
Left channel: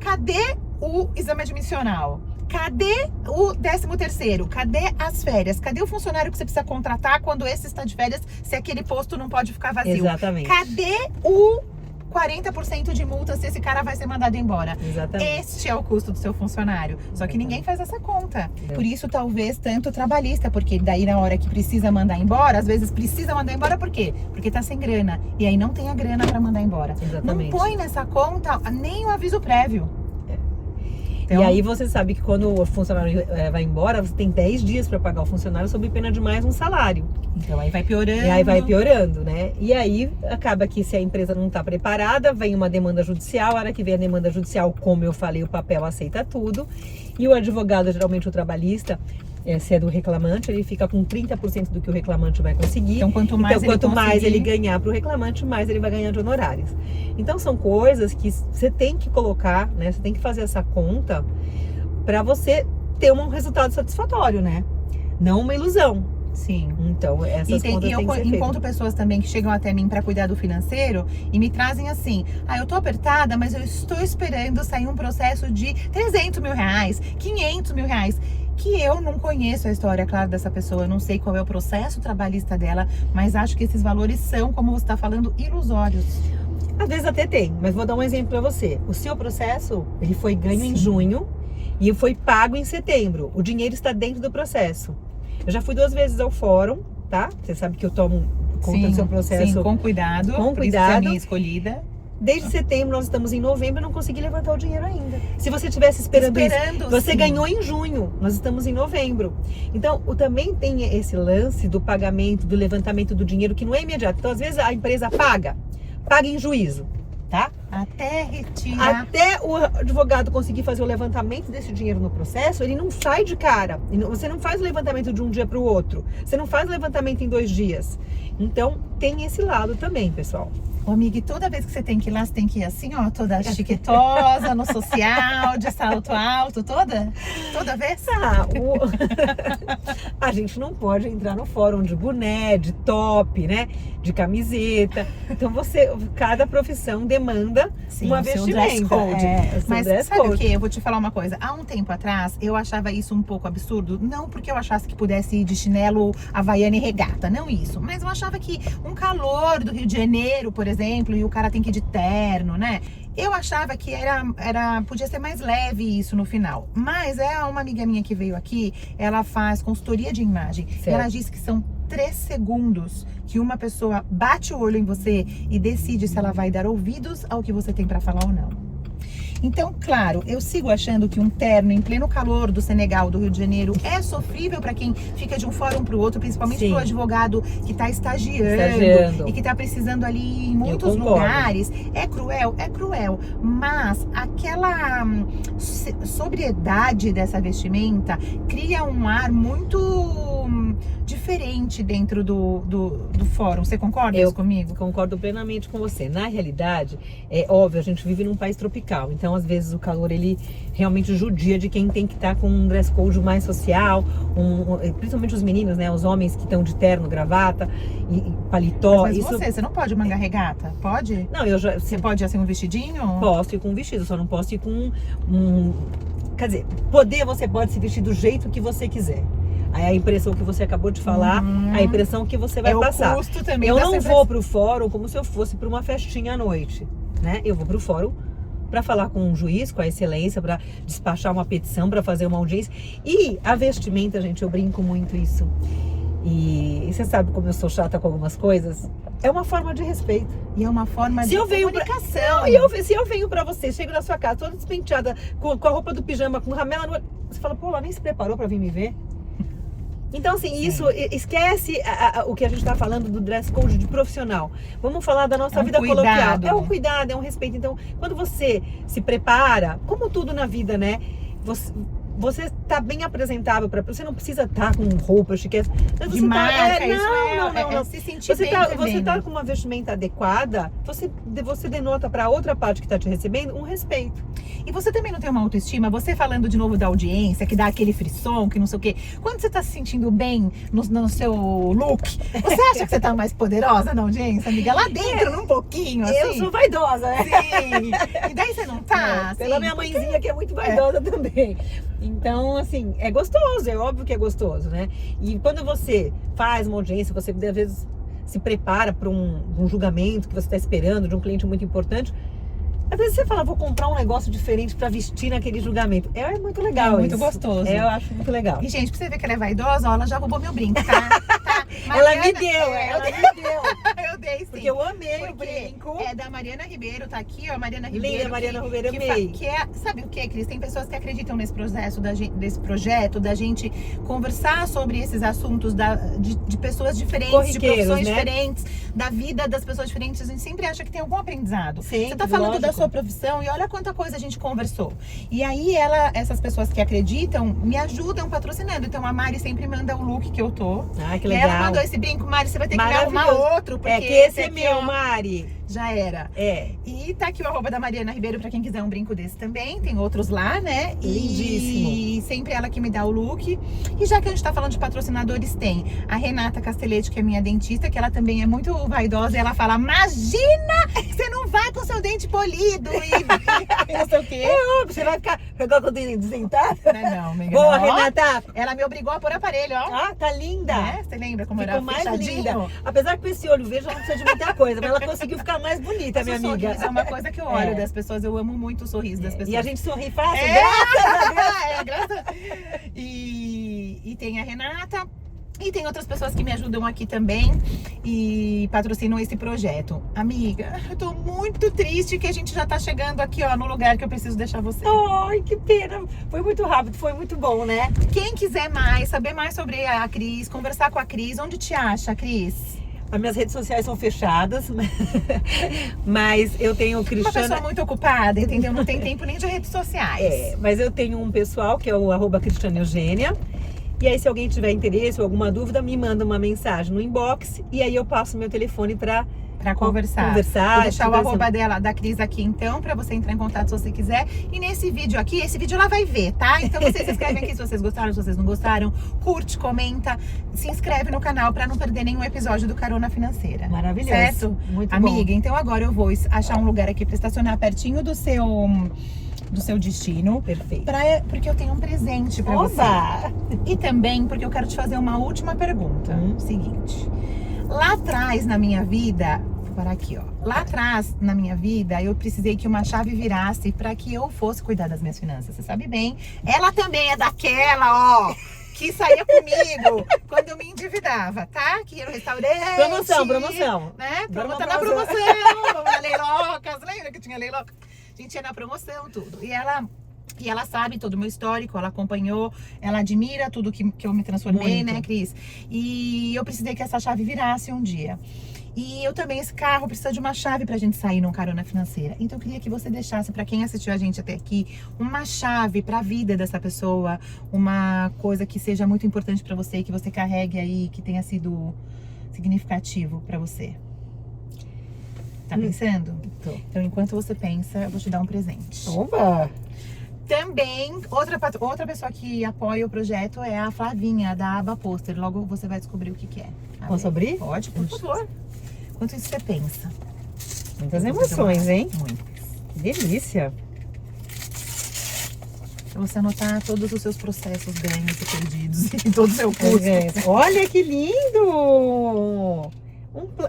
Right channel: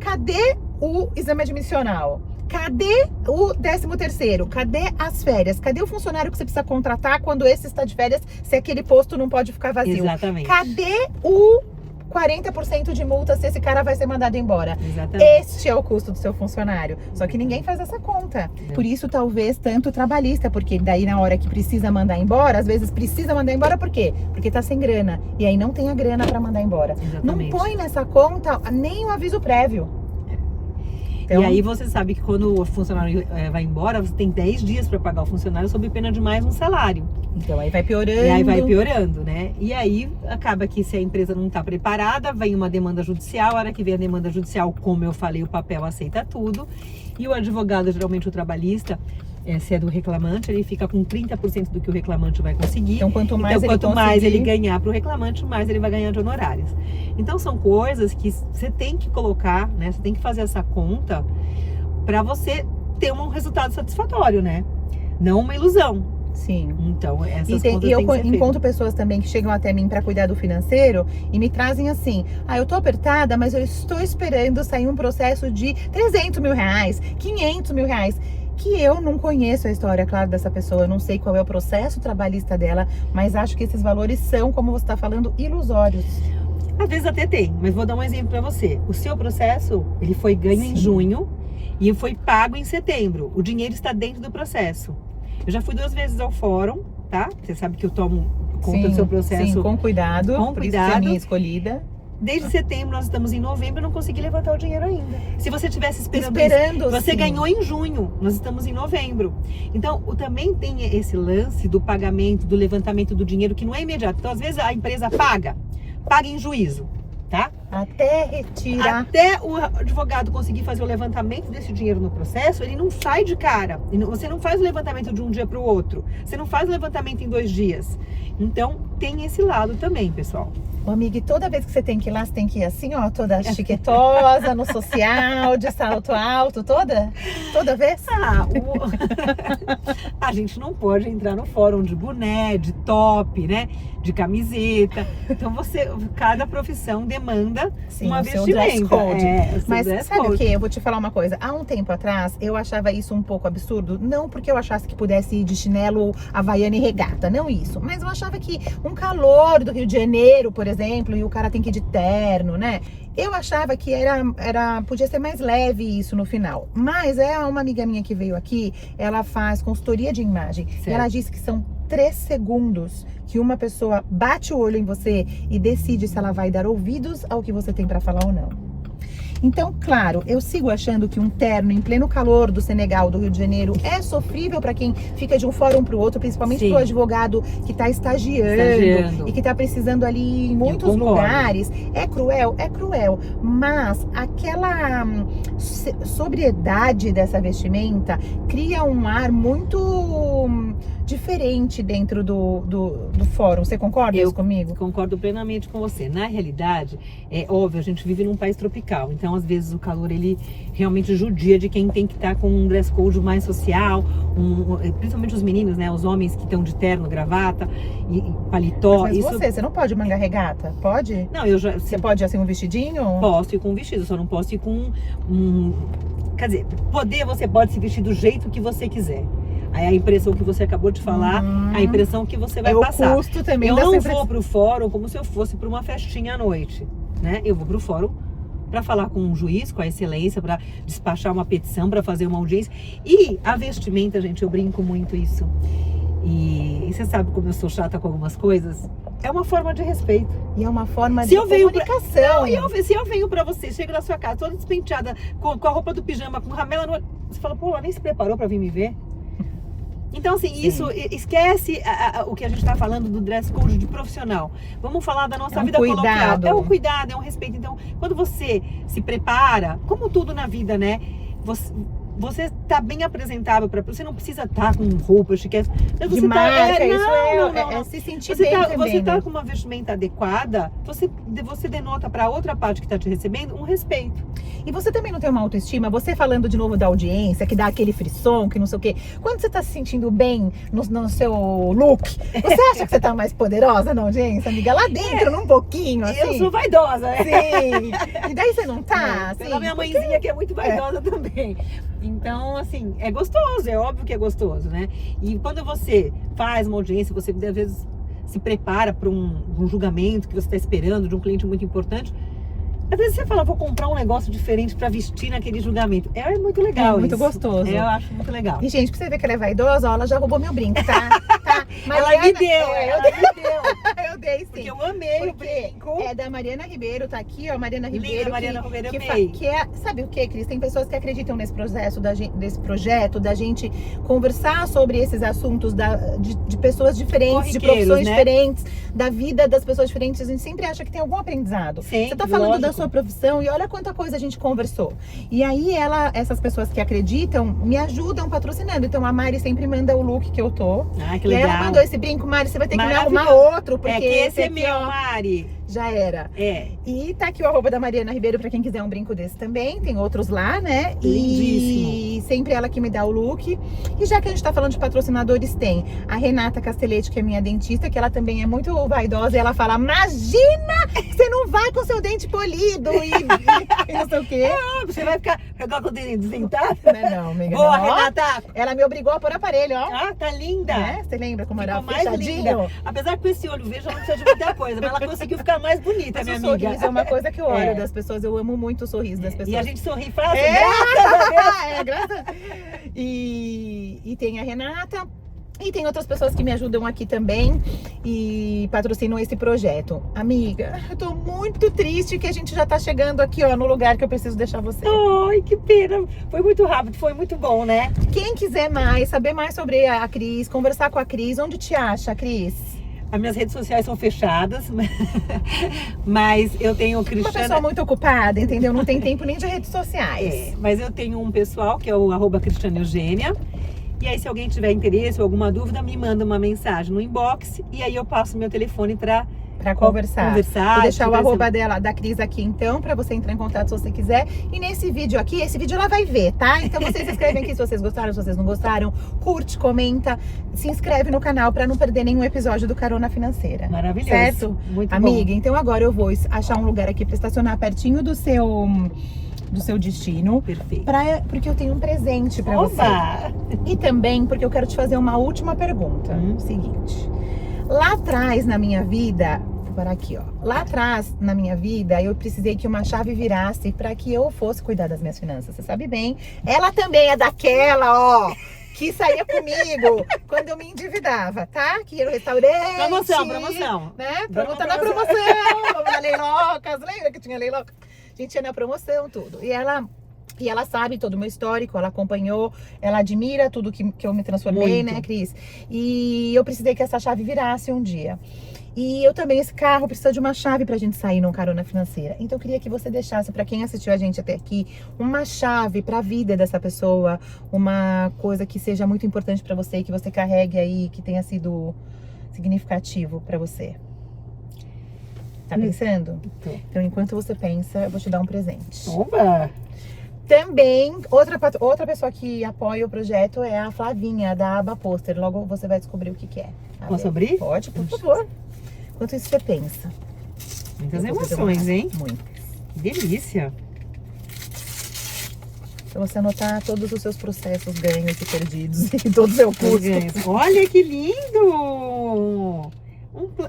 Cadê o exame admissional? Cadê o 13º? Cadê as férias? Cadê o funcionário que você precisa contratar quando esse está de férias, se aquele posto não pode ficar vazio? Exatamente. Cadê o 40% de multa se esse cara vai ser mandado embora? Exatamente. Este é o custo do seu funcionário. Só que ninguém faz essa conta. Por isso, talvez, tanto trabalhista, porque daí na hora que precisa mandar embora, às vezes precisa mandar embora por quê? Porque tá sem grana. E aí não tem a grana pra mandar embora. Exatamente. Não põe nessa conta nem um aviso prévio. Então, E aí você sabe que quando o funcionário vai embora, você tem 10 dias para pagar o funcionário sob pena de mais um salário. então aí vai piorando. E aí vai piorando, né? E aí acaba que se a empresa não está preparada, vem uma demanda judicial. A hora que vem a demanda judicial, como eu falei, o papel aceita tudo. E o advogado, geralmente o trabalhista, se é do reclamante, ele fica com 30% do que o reclamante vai conseguir. Então quanto mais ele ganhar para o reclamante, mais ele vai ganhar de honorários. Então são coisas que você tem que colocar, né? Você tem que fazer essa conta para você ter um resultado satisfatório, né? Não uma ilusão. Sim. Então, essas contas E eu têm que ser encontro feitas. pessoas também que chegam até mim para cuidar do financeiro e me trazem assim: eu tô apertada, mas eu estou esperando sair um processo de 300 mil reais, 500 mil reais. Que eu não conheço a história, claro, dessa pessoa, eu não sei qual é o processo trabalhista dela, mas acho que esses valores são, como você está falando, ilusórios. Às vezes até tem, mas vou dar um exemplo para você. O seu processo, ele foi ganho em junho e foi pago em setembro. O dinheiro está dentro do processo. Eu já fui 2 vezes ao fórum, tá? Você sabe que eu tomo conta do seu processo. Sim, com cuidado. Com Por isso que é a cuidado. minha escolhida. Desde setembro, nós estamos em novembro, eu não consegui levantar o dinheiro ainda. Se você estivesse esperando isso, você sim. ganhou em junho, nós estamos em novembro. Então, também tem esse lance do pagamento, do levantamento do dinheiro, que não é imediato. Então, às vezes, a empresa paga em juízo, tá? Até retirar. Até o advogado conseguir fazer o levantamento desse dinheiro no processo, ele não sai de cara. Você não faz o levantamento de um dia para o outro. Você não faz o levantamento em 2 dias. Então, tem esse lado também, pessoal. Ô, amiga, e toda vez que você tem que ir lá, você tem que ir assim, ó, toda chiquetosa, no social, de salto alto, toda? Toda vez? A gente não pode entrar no fórum de boné, de top, né? De camiseta. Então, cada profissão demanda uma vestimenta. Mas sabe o que? Eu vou te falar uma coisa. Há um tempo atrás, eu achava isso um pouco absurdo. Não porque eu achasse que pudesse ir de chinelo, havaiana e regata. Não isso. Mas eu achava que um calor do Rio de Janeiro, por exemplo, e o cara tem que ir de terno, né? Eu achava que podia ser mais leve isso no final. Mas uma amiga minha que veio aqui, ela faz consultoria de imagem. E ela disse que são 3 segundos que uma pessoa bate o olho em você e decide se ela vai dar ouvidos ao que você tem para falar ou não. Então, claro, eu sigo achando que um terno em pleno calor do Senegal, do Rio de Janeiro, é sofrível para quem fica de um fórum para o outro, principalmente para o advogado que está estagiando e que está precisando ali em muitos lugares. É cruel, mas aquela sobriedade dessa vestimenta cria um ar muito diferente dentro do fórum. Você concorda comigo? Concordo plenamente com você. Na realidade, é óbvio, a gente vive num país tropical, então às vezes o calor ele realmente judia de quem tem que estar com um dress code mais social, principalmente os meninos, né? Os homens que estão de terno, gravata e paletó. Mas você não pode manga regata? Pode? Não, Você pode assim um vestidinho? Posso ir com um vestido, só não posso ir com quer dizer, você pode se vestir do jeito que você quiser. Aí a impressão que você acabou de falar, a impressão que você vai passar. O custo também. Eu não vou pro fórum como se eu fosse para uma festinha à noite, né? Eu vou pro fórum para falar com um juiz, com a excelência, para despachar uma petição, para fazer uma audiência. E a vestimenta, gente, eu brinco muito isso. E você sabe como eu sou chata com algumas coisas? É uma forma de respeito. E é uma forma de comunicação. Se eu venho pra você, chego na sua casa toda despenteada, com a roupa do pijama, com ramela no... Você fala, pô, ela nem se preparou pra vir me ver? Então, assim, isso, esquece o que a gente tá falando do dress code de profissional. Vamos falar da nossa vida coloquial. É um cuidado, é um respeito. Então, quando você se prepara, como tudo na vida, né? Você tá bem apresentável você não precisa estar com roupa chique. Você não. Se sentir você tá com uma vestimenta adequada, você denota para outra parte que tá te recebendo um respeito. E você também não tem uma autoestima? Você falando de novo da audiência, que dá aquele frisson, que não sei o quê. Quando você tá se sentindo bem no seu look, você acha que você tá mais poderosa na audiência, amiga? Lá dentro, num pouquinho, assim. Eu sou vaidosa, né? Sim. E daí você não tá? Assim, pela minha mãezinha que é muito vaidosa também. Então, assim, é gostoso, é óbvio que é gostoso, né? E quando você faz uma audiência, você às vezes se prepara para um julgamento que você está esperando de um cliente muito importante. Às vezes você fala, vou comprar um negócio diferente pra vestir naquele julgamento. É muito legal isso. Muito gostoso. Eu acho muito legal. E, gente, pra você ver que ela é vaidosa, ó, ela já roubou meu brinco, tá? Mas ela me deu, ela me deu. Eu dei, sim. Porque eu amei o brinco. É da Mariana Ribeiro, tá aqui, ó, Mariana Ribeiro. Linda, Mariana Ribeiro, amei. Sabe o que, Cris? Tem pessoas que acreditam nesse projeto da gente conversar sobre esses assuntos de pessoas diferentes, de profissões diferentes, da vida das pessoas diferentes. A gente sempre acha que tem algum aprendizado. Sim, você tá falando da sua profissão e olha quanta coisa a gente conversou. E aí essas pessoas que acreditam me ajudam patrocinando. Então a Mari sempre manda o look que eu tô. Ah, que e legal. ela mandou esse brinco, Mari, você vai ter que me arrumar outro, porque que esse é meu, Mari. já era. E tá aqui o arroba da Mariana Ribeiro pra quem quiser um brinco desse também. Tem outros lá, né? Lindíssimo. E sempre ela que me dá o look. E já que a gente tá falando de patrocinadores, tem a Renata Castelletti, que é minha dentista, que ela também é muito vaidosa. E ela fala, imagina, você não vai com seu dente polido e não sei o quê. Você vai ficar com o dente desdentado? Não, amiga. Boa, não. Renata. Ela me obrigou a pôr aparelho, ó. Ah, tá linda. Você lembra como Ficou era mais fechadinho? linda. Apesar que com esse olho vejo, ela não precisa de muita coisa, mas ela conseguiu ficar mais bonita, minha O amiga. sorriso é uma coisa que eu olho das pessoas. Eu amo muito o sorriso das pessoas. E a gente sorri fácil, Graças a Deus. E tem a Renata. E tem outras pessoas que me ajudam aqui também e patrocinam esse projeto. Amiga, eu tô muito triste que a gente já tá chegando aqui, ó, no lugar que eu preciso deixar você. Ai, que pena. Foi muito rápido, foi muito bom, né? Quem quiser saber mais sobre a Cris, conversar com a Cris, onde te acha, Cris? As minhas redes sociais são fechadas, mas eu tenho o Uma Cristiana... pessoa muito ocupada, entendeu? Não tem tempo nem de redes sociais. Mas eu tenho um pessoal que é o @Cristiana Eugênia. E aí, se alguém tiver interesse ou alguma dúvida, me manda uma mensagem no inbox e aí eu passo meu telefone pra conversar. Vou deixar o assim. arroba da Cris aqui então, pra você entrar em contato se você quiser. E nesse vídeo aqui, esse vídeo ela vai ver, tá? Então vocês escrevem aqui se vocês gostaram, se vocês não gostaram. Curte, comenta, se inscreve no canal pra não perder nenhum episódio do Carona Financeira. Maravilhoso. Certo? Muito Amiga, bom. então agora eu vou achar um lugar aqui pra estacionar pertinho do seu destino. Perfeito. Porque eu tenho um presente pra você. E também porque eu quero te fazer uma última pergunta. Seguinte. Lá atrás na minha vida, vou parar aqui, ó. Lá atrás na minha vida, eu precisei que uma chave virasse pra que eu fosse cuidar das minhas finanças. Você sabe bem. Ela também é daquela, ó, que saía comigo quando eu me endividava, tá? Que ia no restaurante. Promoção. Né? Tá na promoção. Vamos na Leilocas. Lembra que tinha Leiloca? A gente ia na promoção, tudo. E ela sabe todo o meu histórico, ela acompanhou, ela admira tudo que eu me transformei, Muito. né, Cris? E eu precisei que essa chave virasse um dia. E eu também, esse carro precisa de uma chave pra gente sair num Carona Financeira. Então eu queria que você deixasse, pra quem assistiu a gente até aqui, uma chave pra vida dessa pessoa, uma coisa que seja muito importante pra você, que você carregue aí, que tenha sido significativo pra você. Tá pensando? Então, enquanto você pensa, eu vou te dar um presente. Opa! Também, outra pessoa que apoia o projeto é a Flavinha, da Aba Pôster. Logo você vai descobrir o que é. Posso abrir? Pode, por favor. Enquanto isso você pensa. Muitas emoções, hein? Muito. Que delícia! Pra você anotar todos os seus processos, ganhos e perdidos e todo o seu custo. Olha que lindo!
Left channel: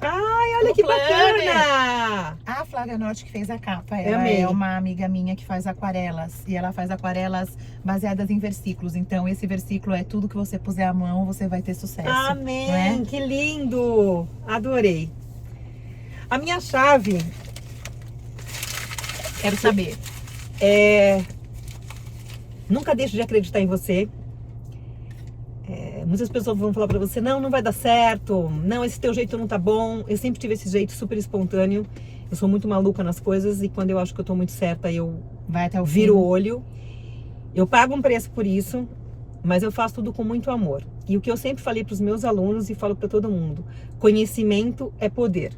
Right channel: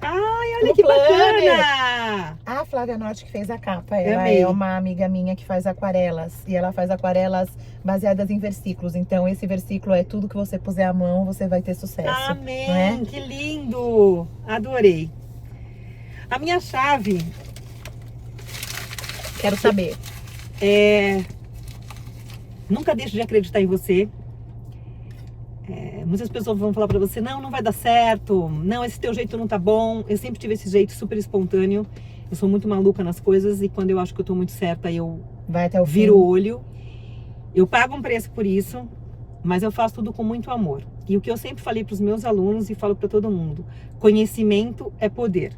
Ai, olha que planner. bacana! A Flávia Norte que fez a capa, ela é uma amiga minha que faz aquarelas. E ela faz aquarelas baseadas em versículos. Então esse versículo é tudo que você puser a mão, você vai ter sucesso. Amém! Né? Que lindo! Adorei! A minha chave... Quero saber. Nunca deixe de acreditar em você. Muitas pessoas vão falar pra você, não vai dar certo, não, esse teu jeito não tá bom. Eu sempre tive esse jeito super espontâneo. Eu sou muito maluca nas coisas e quando eu acho que eu tô muito certa, eu viro o olho. Eu pago um preço por isso, mas eu faço tudo com muito amor. E o que eu sempre falei pros meus alunos e falo pra todo mundo, conhecimento é poder.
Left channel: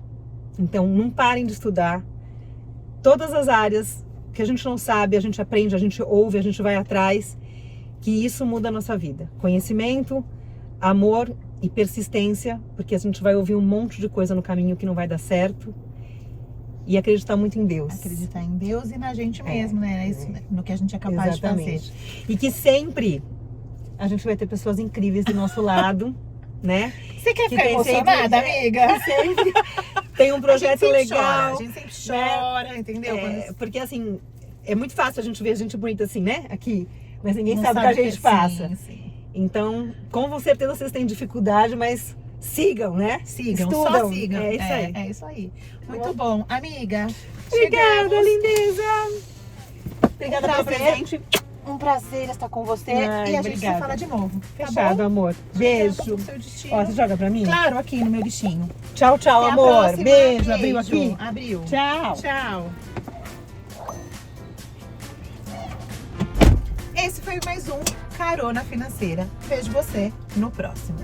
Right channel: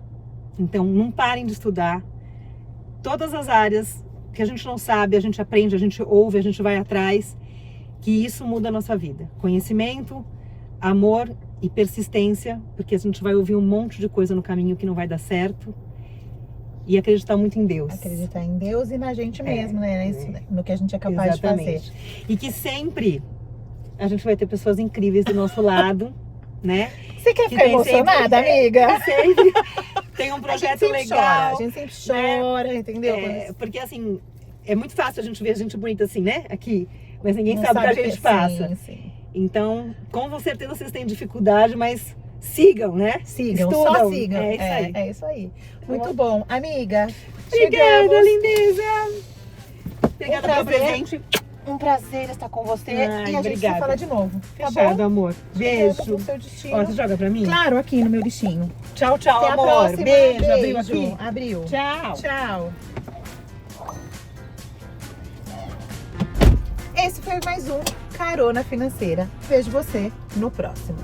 Então não parem de estudar. Todas as áreas que a gente não sabe, a gente aprende, a gente ouve, a gente vai atrás, que isso muda a nossa vida. Conhecimento, amor e persistência, porque a gente vai ouvir um monte de coisa no caminho que não vai dar certo. E acreditar muito em Deus. Acreditar em Deus e na gente mesmo, né? Isso, no que a gente é capaz de fazer. E que sempre a gente vai ter pessoas incríveis do nosso lado, né? Você quer ficar emocionada, amiga? Sempre tem um projeto legal. A gente sempre chora, entendeu? Porque assim, é muito fácil a gente ver gente bonita assim, né? Aqui. Mas ninguém sabe o que a gente passa. Sim. Então, com certeza vocês têm dificuldade, mas sigam, né? Sigam, estudam. só sigam. É isso aí. É isso aí. Muito bom. Amiga, obrigada, lindeza. Obrigada pelo presente. Um prazer estar com você. Ai, e a gente obrigada. se fala de novo. Fechado, Tá amor. Beijo. Ó, você joga pra mim? Claro, aqui no meu bichinho. Tchau, tchau, Até a amor. próxima. Beijo. Abriu aqui? Abriu. Tchau. Tchau. Esse foi mais um Carona Financeira. Vejo você no próximo.